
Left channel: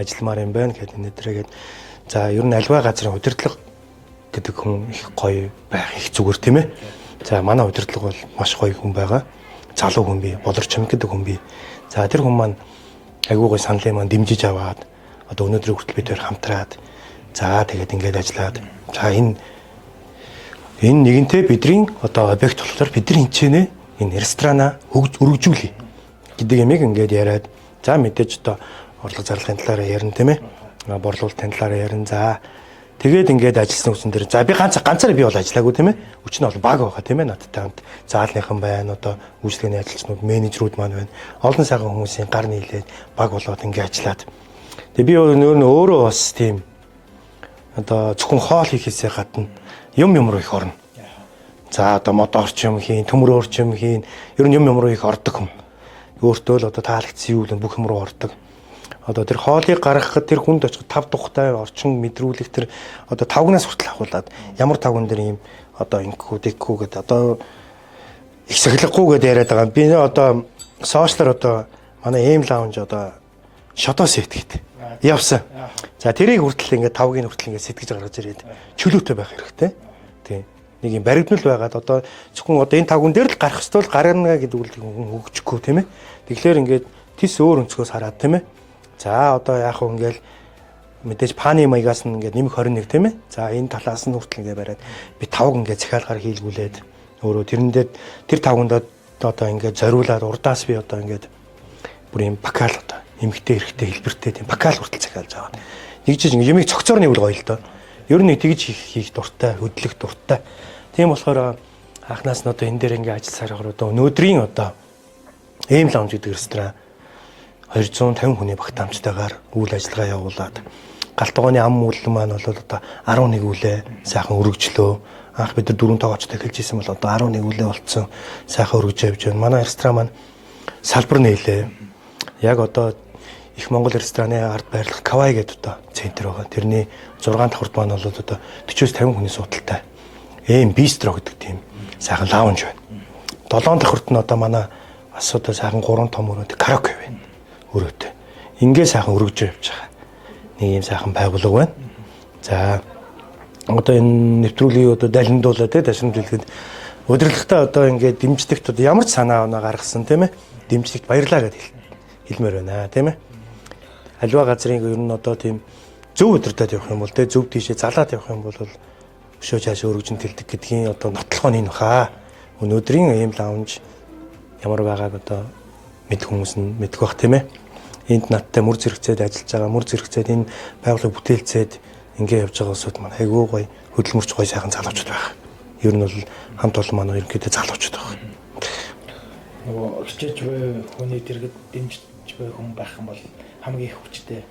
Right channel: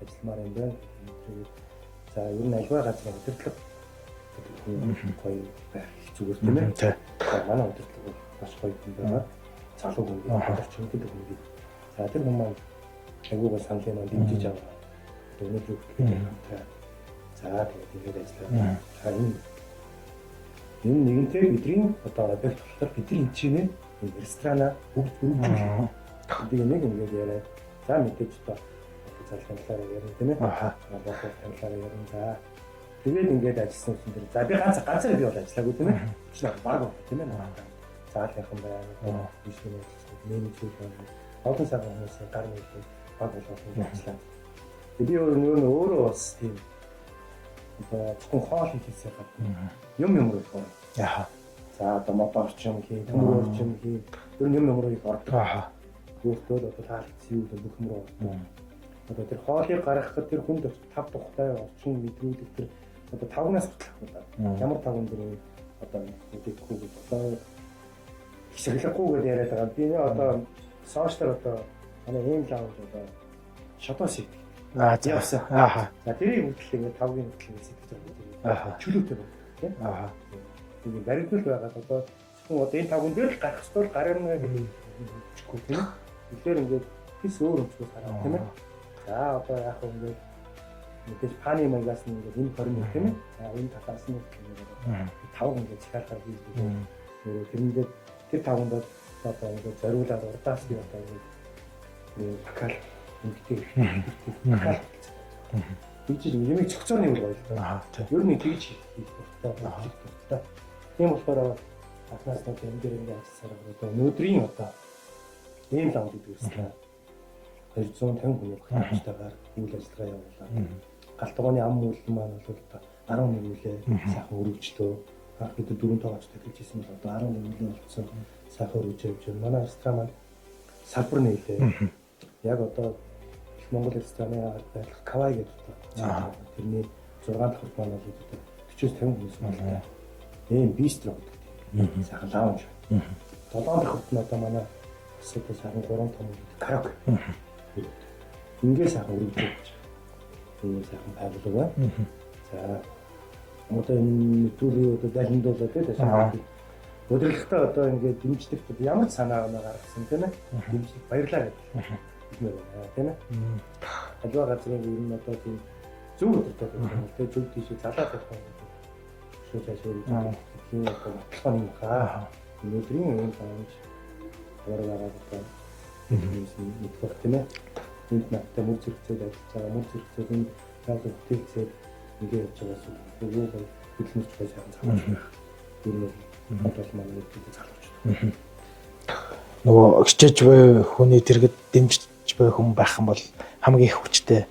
Ажилмаар юм байна гэдэг нэтрэгээд за ер нь альва газрын удирдлага гэдэг хүн их гоё байх их зүгээр тийм ээ. За манай удирдлага бол маш гоё хүн байгаа. Залуу хүн бий, болор чамд гэдэг хүн бий. За тэр хүн маань айгуу гоё саналын маань дэмжиж аваад одоо өнөөдрийн хүртэл бид хоёр хамтраад за тэгээд ингээд ажиллаад за энэ нэгэнтээ бидний одоо объект болохоор бидний хинчээнэ энэ ресторанаа өргөжүүлье гэдэг ямиг ингээд яриад за мэдээж одоо орлого зарлагын талаараа ярина тийм ээ. Борлуулалтын талаараа ярина. За тэгээд ингээд ажилласан хүчин дээр за би ганцаараа би бол ажиллаагүй тийм ээ. Хүч нь бол баг байгаа тийм ээ надтай хамт. Заалныхан байна одоо үйлчлэгээний ажилчнууд, менежерүүд маань байна. Олон сайхан хүмүүсийн гар нийлээд баг болоод ингээд ажиллаад. Тэгээ би өөрөө бас тийм одоо зөвхөн хоол хийхээсээ гадна юм руу их орно. За одоо мод орчим хийн, төмөр орчим хийн. Ер нь юм руу их ордог. Өөртөө л одоо таалагдсан юу л бүх юм руу ордог. Одоо тэр хоолыг гаргахад тэр хүнд очих 5 тухтай орчин мэдрүүлэх тэр одоо 5-наас хүртэл ахуулаад ямар 5 дээр ийм одоо инкүү гэдэг одоо их сахилахгүй гэдээ яриад байгаа. Би одоо сошиалар одоо манай эм лаунж одоо шото сет гэдэг явсан. За тэрийг хүртэл ингээд 5-гийн хүртэл ингээд сэтгэж гаргаж ирээд чөлөөтэй байх хэрэгтэй. Тийм. Нэг юм баригдмал байгаад одоо зөвхөн одоо энэ 5 дээр л гарах ёстой л гарна гэдэг үл хөгжихгүй тийм ээ. Тэгэхээр ингээд тис өөр өнцгөөс хараад тийм ээ. За одоо яах вэ ингээл мэдээж паны маягаас нь ингээд нэмэх 21 тийм ээ. За энэ талаас нь хүртэл ингээд бариад би 5 ингээд захиалгаар хийлгүүлээд өөрөө тэрэндээ тэр 5-нд одоо ингээд зориулаад урдаас би одоо ингээд бүр юм бакал одоо эмгтэй эрэхтэй хэлбэртэй тийм бакал хүртэл захиалж байгаа. Нэг жиж ингээд юмыг цогцоор нэвэл гоё л доо. Ер нь тэгж хийх дуртай, хөдлөх дуртай. Тийм болохоор анхнаас нь одоо энэ дээр ингээд ажилласаар байгаа одоо өнөөдрийн одоо эм лаунж гэдэг ресторан 250 хүний багтаамжтайгаар үйл ажиллагаа явуулаад галтгооны ам үйлэн маань бол одоо 11 үлээ сайхан өргөжлөө. Анх бид нар 4 тоогоочтой эхэлж исэн бол одоо 11 үлээ болцсон. Сайхан өргөж явж байна. Манай ресторан маань салбар нээлээ. Яг одоо их Монгол рестораны ард байрлах Кавай гэдэг одоо центр байгаа. Тэрний 6 давхарт маань бол одоо 40-50 хүний суудалтай. Эм бистро гэдэг тийм сайхан лаунж байна. 7 давхарт нь одоо манай бас одоо сайхан 3 том өрөөнд караоке байна. Өрөөтэй. Ингээ сайхан өргөж явж байгаа. Нэг юм сайхан байгууллага байна. За одоо энэ нэвтрүүлгийг одоо далиндуулаад дашин дэлгэхэд удирдлагатай одоо ингээд дэмждэгт одоо ямар ч санаа оноо гаргасан тийм ээ. Дэмждэгт баярлаа гэдээ хэлмээр байна тийм ээ. Аливаа газрын ер нь одоо тийм зөв удирдаад явах юм бол тийм зөв тийшээ залаад явах юм бол өшөө цаашаа өргөжин тэлдэг гэдгийн одоо нотлохоо нь баха. Өнөөдрийн эм лаунж ямар байгааг одоо мэдэх хүмүүс нь мэдэх бах тийм ээ. Энд надтай мөр зэрэгцээд ажиллаж байгаа, мөр зэрэгцээд энэ байгууллага бүтээлцээд ингээ явж байгаа усуд маань айгүй гоё хөдөлмөрч гоё сайхан залуучууд байх. Ер нь бол хамт олон манай ерөнхийдөө залуучууд байх. Нөгөө өчөж буй хүний дэргэд дэмжиж буй хүн байх юм бол хамгийн их хүчтэй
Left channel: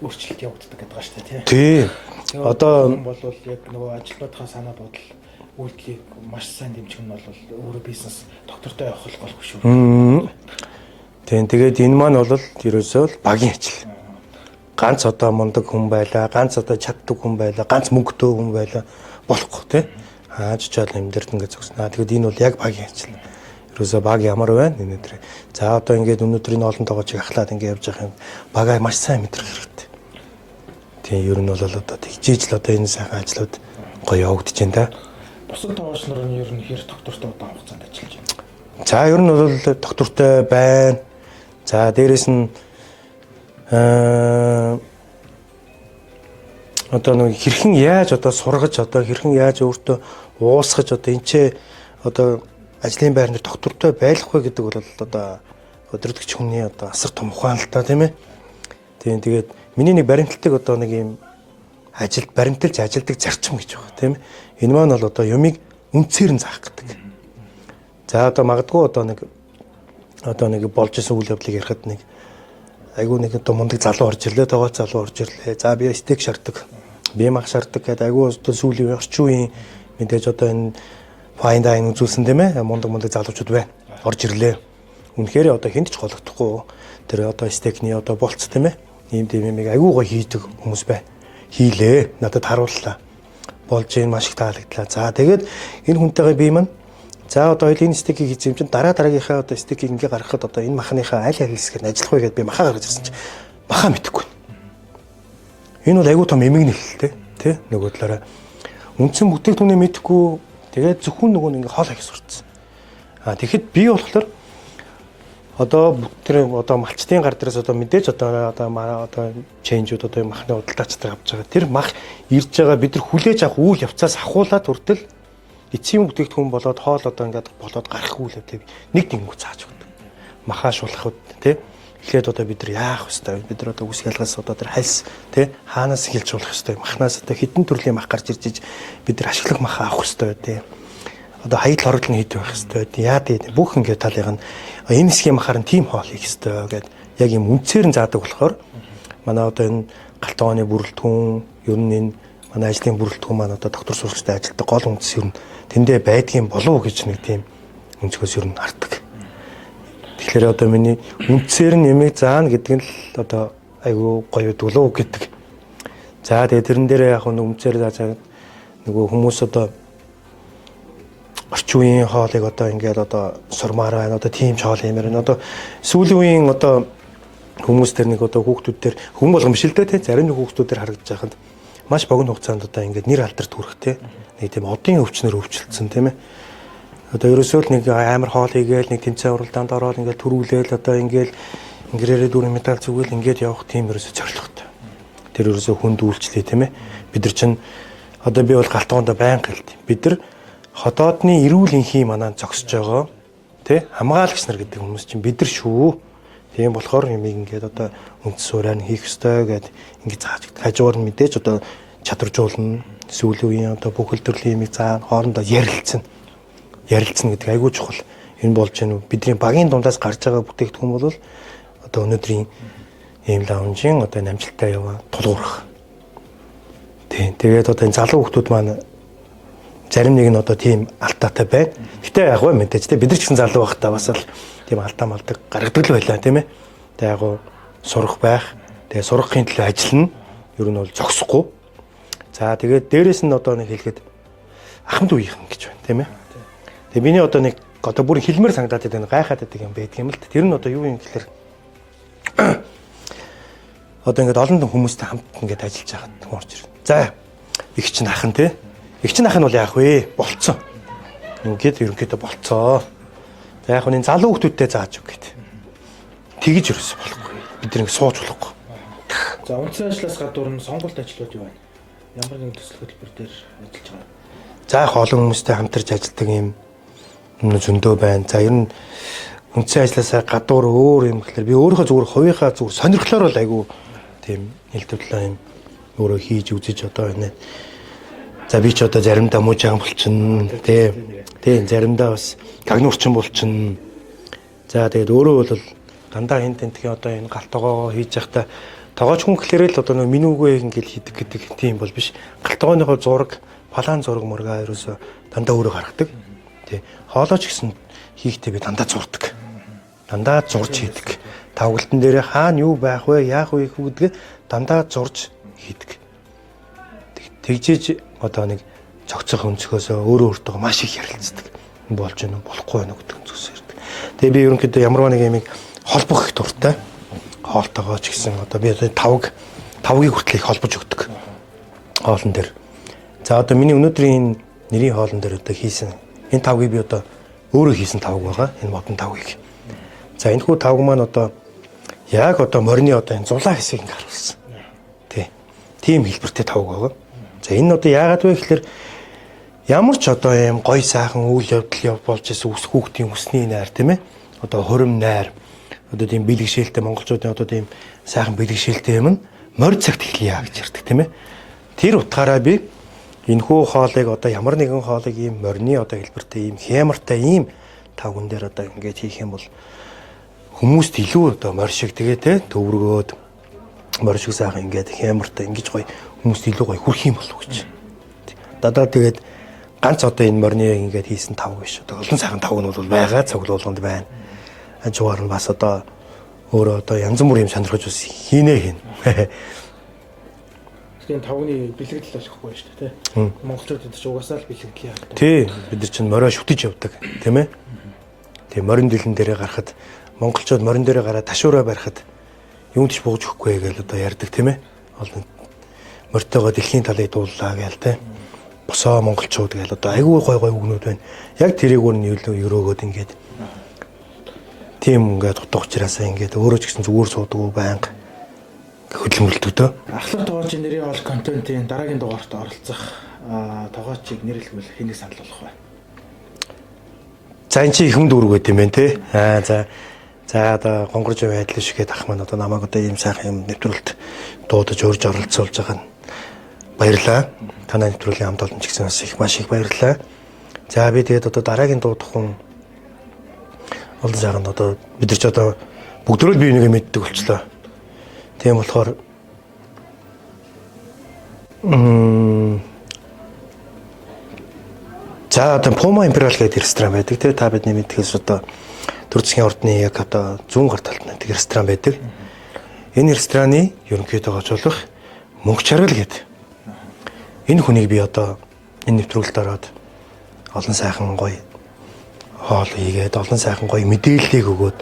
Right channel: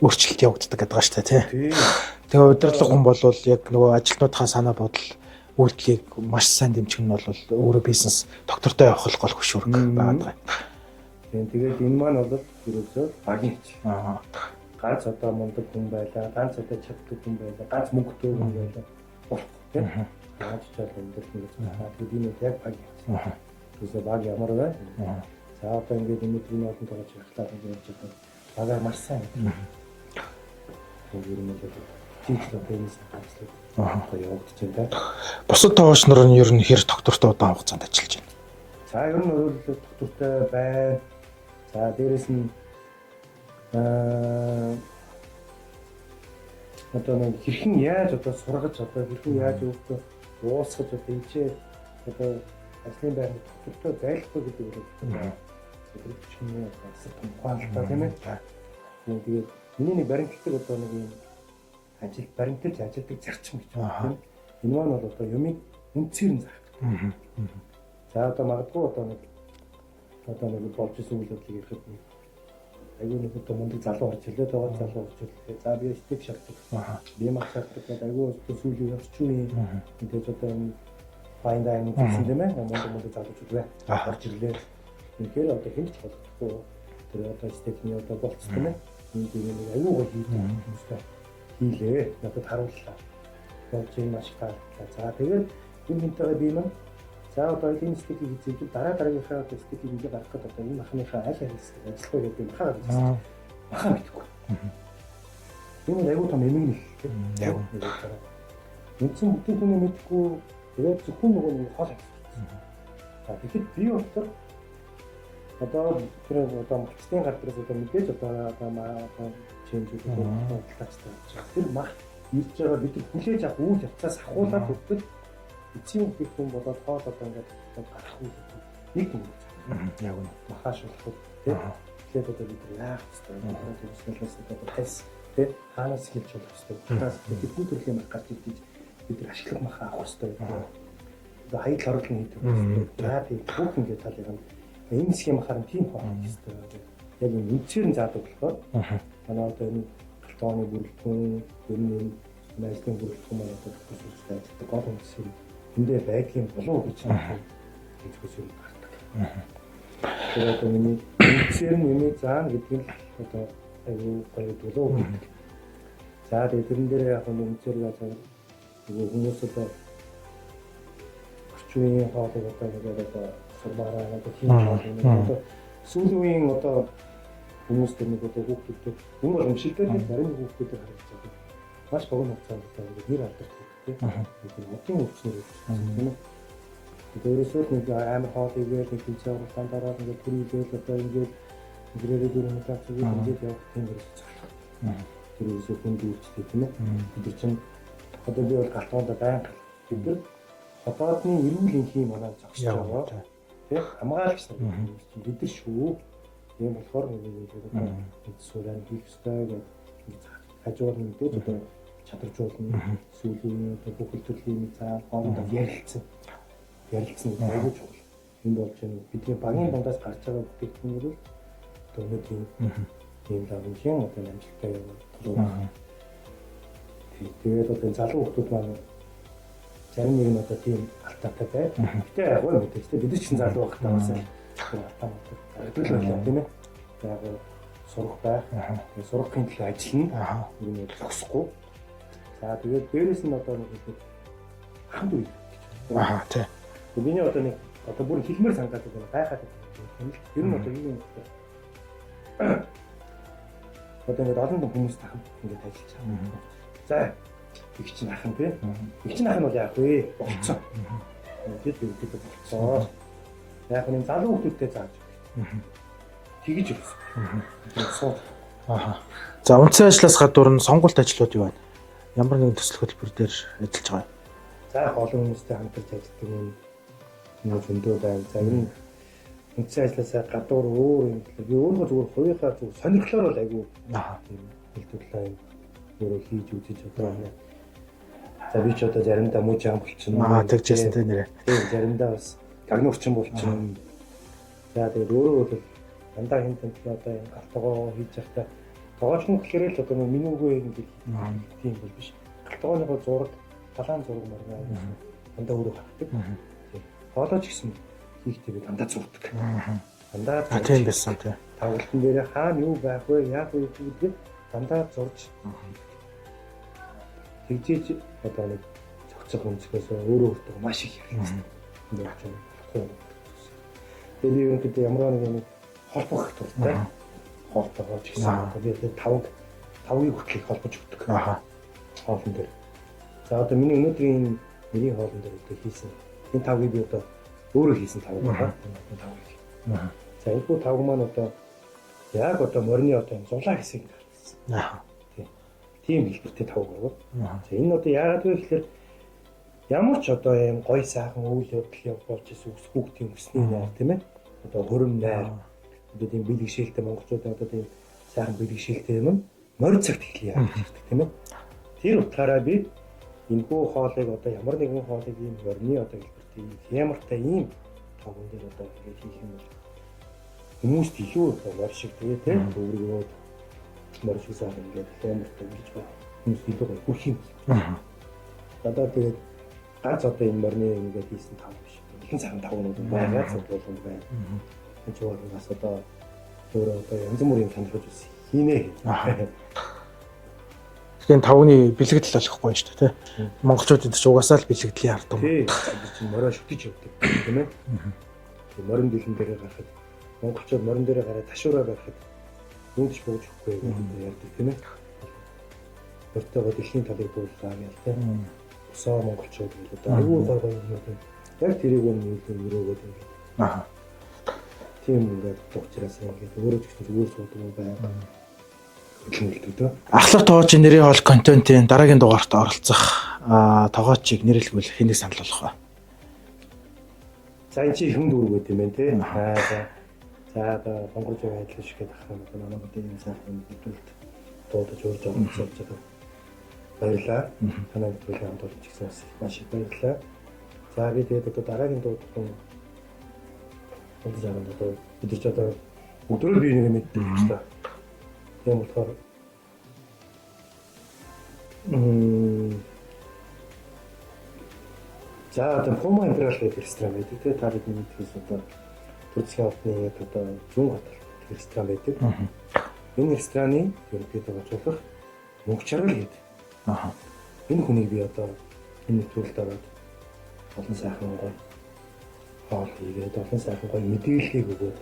өөрчлөлт явагддаг гэдэг байгаа шүү дээ тий. Тэгээ одоо хүн бол яг нөгөө ажилтнуудынхаа санаа бодол үйлдэлийг маш сайн дэмжих нь бол өөрөө бизнес доктортой явах гол хөшүүрэг байна. Тийм тэгээд энэ маань бол ерөөсөө багийн ажил. Ганц одоо мундаг хүн байлаа, ганц одоо чаддаг хүн байлаа, ганц мөнгөтэй хүн байлаа болохгүй тий. Аажчаал юм дээр ингээд зогсноо. Тэгээд энэ бол яг багийн ажил. Ерөөсөө баг ямар байна өнөөдөр. За одоо ингээд өнөөдрийн олон тоогоочийг ахлаад ингээд явж байгаа юм. Багаа маш сайн мэдрэх хэрэгтэй. Тийм ер нь бол одоо тэгжээж л одоо энэ сайхан ажлууд гоё явагдаж байна та. Бусад тоогооч нар нь ер нь хэр доктортой удаан хугацаанд ажиллаж байна. За ер нь бол доктортой байна. За дээрэс нь одоо нэг хэрхэн яаж одоо сургаж одоо хэрхэн яаж өөртөө уусгаж одоо энэ ч одоо ажлын байрны доктортой байх вэ гэдэг бол одоо өдөртөгч хүний одоо асар том ухаан л та тийм ээ. Тэгээд миний нэг баримталтыг одоо нэг юм баримталж ажилдаг зарчим гэж байгаа тийм ээ. Энэ маань бол одоо юмыг үнцээр нь заах гэдэг. За одоо магадгүй одоо нэг болж исэн үйл явдлыг ярихад нэг айгүй нэг одоо мундаг залуу орж ирлээ, тагоо залуу орж ирлээ. За би стейк шаарддаг. Би мах шаарддаг гэдэг айгүй одоо сүүлийн орчин үеийн мэдээж одоо энэ fine dining үзүүлсэн тийм ээ. Мундаг залуучууд байна. Орж ирлээ. Үнэхээр одоо хэнд ч гологдохгүй. Тэр одоо стейкний одоо болц тийм ээ. Ийм юмыг айгүй гоё хийдэг хүмүүс бай. Хийлээ. Надад харууллаа. Болж ийн маш их таалагдлаа. За тэгээд энэ хүнтэйгээ би маань за одоо хоёул энэ стейкийг хийж юм чинь дараагийнхаа одоо стейкийг ингээ гаргахад одоо энэ махныхаа аль хэсгээр нь ажиллах вэ гэдээ би махаа гаргаж ирсэн чинь махаа мэдэхгүй. Энэ бол айгүй том эмэг нэлэлтэй тий нөгөө талаараа үндсэн бүтээгдэхүүнээ мэдэхгүй тэгээд зөвхөн нөгөө ингээ хоол хийх сурцсан. Тэгэхэд би болохоор одоо тэр одоо малчтын гар дээрээс одоо мэдээж одоо чейнжүүд одоо махны худалдаачтай авч байгаа. Тэр мах ирж байгаа бид нар хүлээж авах үйл явцаас ахуулаад хүртэл эцсийн бүтээгдэхүүн болоод хоол одоо ингээд болоод гарах үйл явдлыг нэг тэнгүү зааж өгнө. Махаа шулахуд тий. Эхлээд одоо бид нар яах вэ? Бид нар одоо үсг ялгаас одоо тэр хальс тий хаанаас эхэлж болох вэ? Махнаас одоо хэдэн төрлийн мах гарч ирж бид нар ашиглах мах авах вэ тий. Одоо хаягдл хорлол нь хийдэг байх хэрэгтэй. Яа тий бүх ингээд талыг нь энэ хэсгийн махаар нь тим хоол хийх хэрэгтэй гэдэг яг юм үнцээр нь заадаг болохоор манай одоо энэ галтгооны бүрэлдэхүүн ер нь энэ манай ажлын бүрэлдэхүүн маань одоо доктор сурагчтай ажилтдаг гол үндэс ер нь тэндээ байдгийн болов уу гэж нэг тийм өнцгөөс ер нь хардаг. Тэгэхээр одоо миний үнцээр нь нэмийг заана гэдэг нь л одоо айгүй гоё дулуу гэдэг. За тэгээ тэрэн дээр яг нэг үнцээр зааж нөгөө хүмүүс одоо орчин үеийн хоолыг одоо ингээд одоо сурмаар байна. Одоо тийм хоол юмэр байна. Одоо сүүлийн үеийн одоо хүмүүс төр нэг одоо хүүхдүүд төр хүн болгон биш л дээ зарим нэг хүүхдүүд төр харагдаж байхад маш богино хугацаанд одоо ингээд нэр алдарт хүрэх те нэг тийм одын өвчнөр өвчлөлтсөн тийм ээ. Одоо ерөөсөө л нэг амар хоол хийгээл нэг тэмцээн уралдаанд ороод ингээд төрүүлээл одоо ингээд ингэрээрээ дүүрэн медаль зүгэл ингээд явах тийм ерөөсөө зорилготой. Тэр ерөөсөө хүнд үйлчлээ тийм ээ. Бид нар чинь одоо би бол галтгоонд байнга хэлдэг. Бид нар ходоодны эрүүл энхий манаа зогсож байгаа тий хамгаалагч нар гэдэг хүмүүс чинь бид нар шүү. Тийм болохоор юм ингээд одоо үндэс суурийг хийх ёстой гэдэг ингээд зааж өгдөг. Хажуугаар нь мэдээж одоо чадваржуулна. Сүүлийн үеийн одоо бүхэл төрлийн юмыг заан хоорондоо ярилцсан гэдэг айгүй чухал. Энэ болж байна. Бидний багийн дундаас гарч байгаа бүтээгдэхүүн бол одоо өнөөдрийн ийм лаунжийн одоо амжилттай яваа тулгуурах. Тийм. Тэгээд одоо энэ залуу хүмүүс маань зарим нэг нь одоо тийм алдаатай байна. Гэтэ яг гоо мэдээж те бид нар ч гэсэн залуу байхдаа бас л тийм алдаа малдаг гаргадаг л байлаа тийм ээ. Тэгээ яг гоо сурах байх. Тэгээ сурахын төлөө ажиллана. Ер нь бол зогсохгүй. За тэгээд дээрэс нь одоо нэг хэлэхэд ахмад үеийнхэн гэж байна тийм ээ. Тэгээ миний одоо нэг одоо бүр хэлмээр санагдаад байдаг гайхаад байдаг юм байдаг юм л. Тэр нь одоо юу юм гэхээр одоо ингээд олон хүмүүстэй хамт ингээд ажиллаж байхад орж ирнэ. За их чинь ахын тий. Их чинь ахын бол яах вэ? Болцсон. Ингээд ерөнхийдөө болцоо. За яг энэ залуу хүмүүстэй зааж өг гэд. Тэгэж ерөөсөө болохгүй. Бид нэг сууж болохгүй. За үндсэн ажлаас гадуур нь сонгуульт ажлууд юу байна? Ямар нэгэн төсөл хөтөлбөр дээр ажиллаж байгаа юм? За их олон хүмүүстэй хамтарч ажилладаг юм зөндөө байна. За ер нь үндсэн ажлаасаа гадуур өөр юм гэхэлэр би өөрийнхөө зүгээр хувийнхаа зүгээр сонирхлоор л айгүй тийм хэлтвэрлээ юм өөрөө хийж үзэж одоо байна. За би ч одоо заримдаа муужаан болчихно. Тийм заримдаа бас гагнуурчин болчихно. За тэгээд өөрөө бол дандаа хин тентхийн одоо энэ галтгоо хийж явахдаа тоогооч хүн гэхлээрээ л одоо нөө минүүгээ ингээл хийдэг гэдэг тийм бол биш. Галтгооныхоо зураг, палаан зураг мургаа ерөөсө дандаа өөрөө гаргадаг. Тий. Хоолойч гэсэн хийхдээ би дандаа зурдаг. Дандаа зурж хийдэг. Тавгалтан дээр хаана юу байх вэ, яах вэ гэдгээ дандаа зурж хийдэг. Тэгжиж одоо нэг цогцох өнцгөөс өөрөө өөртөө маш их ярилцдаг. Болж байна уу, болохгүй байна уу гэдэг өнцгөөс ярьдаг. Тэгээ би ерөнхийдөө ямар нэг юмыг холбох их дуртай. Хоолтойгоо ч гэсэн одоо би одоо тавгийг хүртэл их холбож өгдөг. Хоолн дээр. За одоо миний өнөөдрийн нэрийн хоолн дээр одоо хийсэн энэ тавгийг би одоо өөрөө хийсэн тавг байгаа. Энэ модон тавгийг. За энэ хүү тавг маань одоо яг одоо морины одоо энэ зулаа хэсгийг харуулсан. Тий. Тийм хэлбэртэй тавг байгаа. За энэ одоо яагаад вэ гэхээр ямар ч одоо юм гой сайхан үйл явдал болж исэн үс хүүхдийн өсний найр тийм ээ. Одоо хурим найр одоо тийм бэлгэшээлтэй монголчуудын одоо тийм сайхан бэлгэшээлтэй юм нь морь цагт эхлэе гэж ярьдаг тийм ээ. Тэр утгаараа би энэхүү хоолыг одоо ямар нэгэн хоолыг ийм морины одоо хэлбэртэй ийм хямартай ийм тавган дээр одоо ингээд хийх юм бол хүмүүст илүү одоо морь шиг тэгээ те төвргөөд морь шиг сайхан ингээд хямартай ингэж гоё хүмүүст илүү гоё хүрх юм болов гэж. Дадаа тэгээд ганц одоо энэ морины ингээд хийсэн тав биш. Одоо олон сайхан тав нь бол байгаа цуглуулганд байна. Хажуугаар нь бас одоо өөрөө одоо янз бүрийн юм сонирхож бас хийнэ хийн. Тэгэхээр тавны бэлэгдэл болохгүй шүү дээ тий. Монголчууд энэ ч угаасаа л бэлэгдлийн ард уу. Тий. Бид нар чинь морио шүтэж явдаг тийм ээ. Тэгээ морин дэлэн дээрээ гарахад монголчууд морин дээрээ гараад ташуураа барихад юунд ч бууж өгөхгүй гэж одоо ярьдаг тийм ээ. Олон морьтойгоо дэлхийн талыг дууллаа гээл тий. Босоо монголчууд гээл одоо айгүй гой гой үгнүүд байна. Яг тэрийг өөр нь өрөөгөөд ингээд. Тийм ингээд утга учраасаа ингээд өөрөө ч гэсэн зүгээр суудаг байнга хөдөлмөрлөдөг дөө. Ахлах тоогоочийн нэрийн хоол контентын дараагийн дугаарт оролцох тоогоочийг нэрлэвэл хэнийг санал болгох вэ? За энэ чи ихэм дүүрэг байт юм байна те. За одоо гонгорж байдлаа шигээд ах маань одоо намайг одоо ийм сайхан юм нэвтрүүлэлт дуудаж урьж оролцуулж байгаа нь баярлалаа. Танай нэвтрүүлгийн хамт олон ч гэсэн бас их маш их баярлалаа. За би тэгээд одоо дараагийн дуудах хүн олон сайхан одоо бид нар ч одоо бүгдөө л бие нэгэ мэддэг болчлоо. Тийм болохоор за одоо Puma Imperial гэдэг ресторан байдаг тий та бидний мэдхээс одоо Төрцгийн ордны яг одоо зүүн гар талд нэг ресторан байдаг. Энэ рестораны ерөнхийдөө гажуулах Мөнх Чаргал гэдэг. Энэ хүнийг би одоо энэ нэвтрүүлэлд ороод олон сайхан гоё хоол хийгээд олон сайхан гоё мэдээллийг өгөөд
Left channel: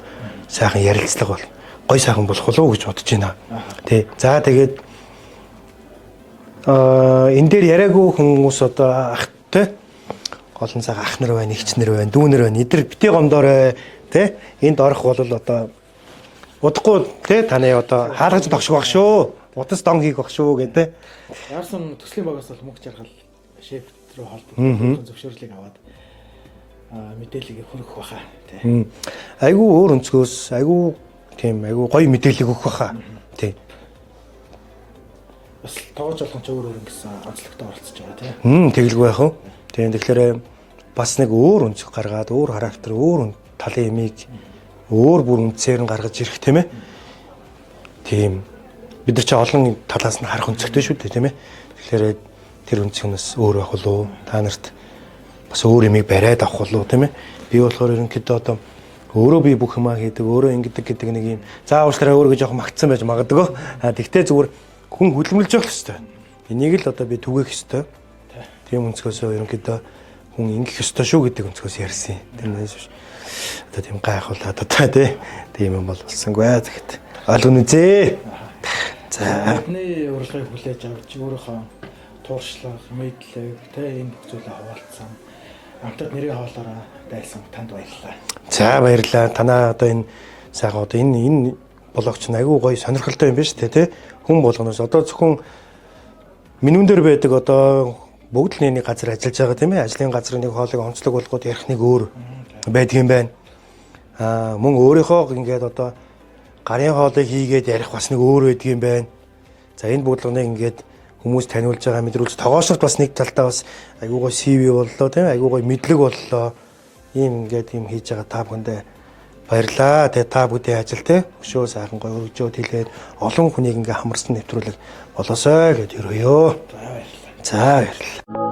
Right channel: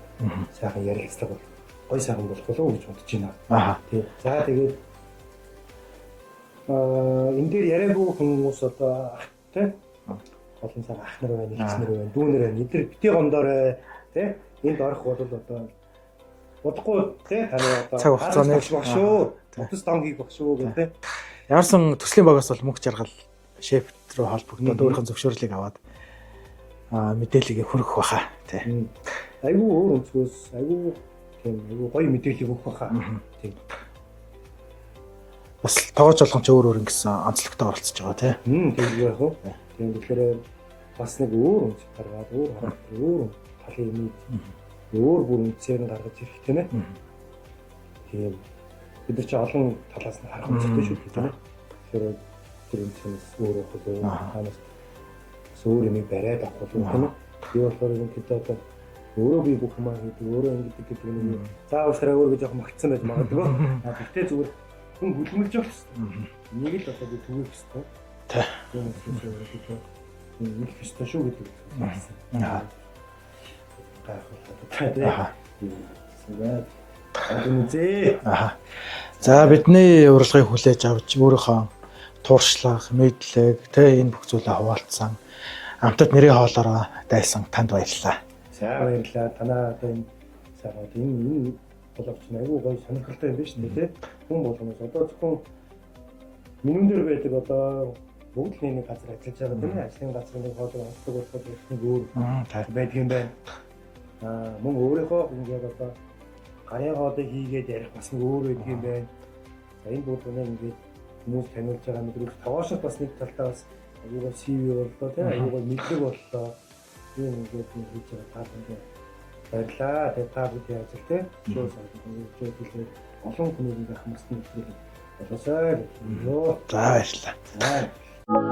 сайхан ярилцлага бол гоё сайхан болох болов уу гэж бодож байна. Тий. За тэгээд энэ дээр яриаггүй хүмүүс одоо ах тий голон цаг ах нар байна, эгч нар байна, дүү нар байна. Эдгээр битээ гомдоорой тий. Энд орох бол одоо удахгүй тий таны одоо хаалгаж багш баг шүү. Удас дон хийх баг шүү гэдэг. Ямарсан төслийн багаас бол Мөнх Чаргал шеф рүү холбогдоод өөрийнхөө зөвшөөрлийг аваад мэдээллийг хүргэх баха тий. Айгүй өөр өнцгөөс айгүй тийм айгүй гоё мэдээлэл өгөх баха. Тий. Бас тоогооч болгон ч өөр өөр ингэсэн онцлогтой оролцож байгаа тий. Тэгэлгүй яах вэ? Тийм тэгэхээр бас нэг өөр өнцөг гаргаад өөр характер өөр талын ямиг өөр бүр үнцээр нь гаргаж ирэх тийм ээ. Тийм. Бид нар ч олон талаас нь харах өнцгтэй шүү дээ тийм ээ. Тэгэхээр тэр өнцгөөс өөр байх болов уу? Та нарт бас өөр ямиг бариад авах болов уу тийм ээ. Би болохоор ерөнхийдөө одоо өөрөө би бүх юмаа хийдэг, өөрөө ингэдэг гэдэг нэг юм. За уучлаарай өөрөө жоохон магтсан байж магадгүй. Тэгтээ зүгээр хүн хөдөлмөрлж явах хэрэгтэй. Энийг л одоо би түгээх хэрэгтэй. Тийм өнцгөөс ерөнхийдөө хүн ингэх ёстой шүү гэдэг өнцгөөс ярьсан. Одоо тийм гайхуулаад одоо тийм юм бол болсонгүй тэгэхэд ойлгоно үзээ. За бидний урилгыг хүлээж авч өөрийнхөө тууршлах, мэдлэг энэ бүх зүйлээ хуваалцсан. Амтад нэрийн хоолоороо дайсан танд баярлалаа. За баярлалаа. Танаа одоо энэ сайхан одоо энэ блогч нь айгүй гоё сонирхолтой юм байна шүү дээ тий. Хүн болгоноос одоо зөвхөн минүүн дээр байдаг одоо бүгд л нэг газар ажиллаж байгаа тийм ээ. Ажлын газар нэг хоолыг онцлог болгоод ярих нэг өөр байдаг юм байна. Мөн өөрийнхөө ингээд одоо гарын хоолыг хийгээд ярих бас нэг өөр байдаг юм байна. За энэ бодлогыг ингээд хүмүүс таниулж байгаа мэдрүүлж тогоошрт бас нэг талдаа бас айгүй гоё CV боллоо тийм ээ. Айгүй гоё мэдлэг боллоо. Ийм ингээд юм хийж байгаа та бүхэндээ баярлаа. Тэгээ та бүдийн ажил те өшөө сайхан гоё өргөжөөд хэлээд олон хүнийг ингээ хамарсан нэвтрүүлэг болоосой гэд өрөөё. За баярлалаа. За баярлалаа.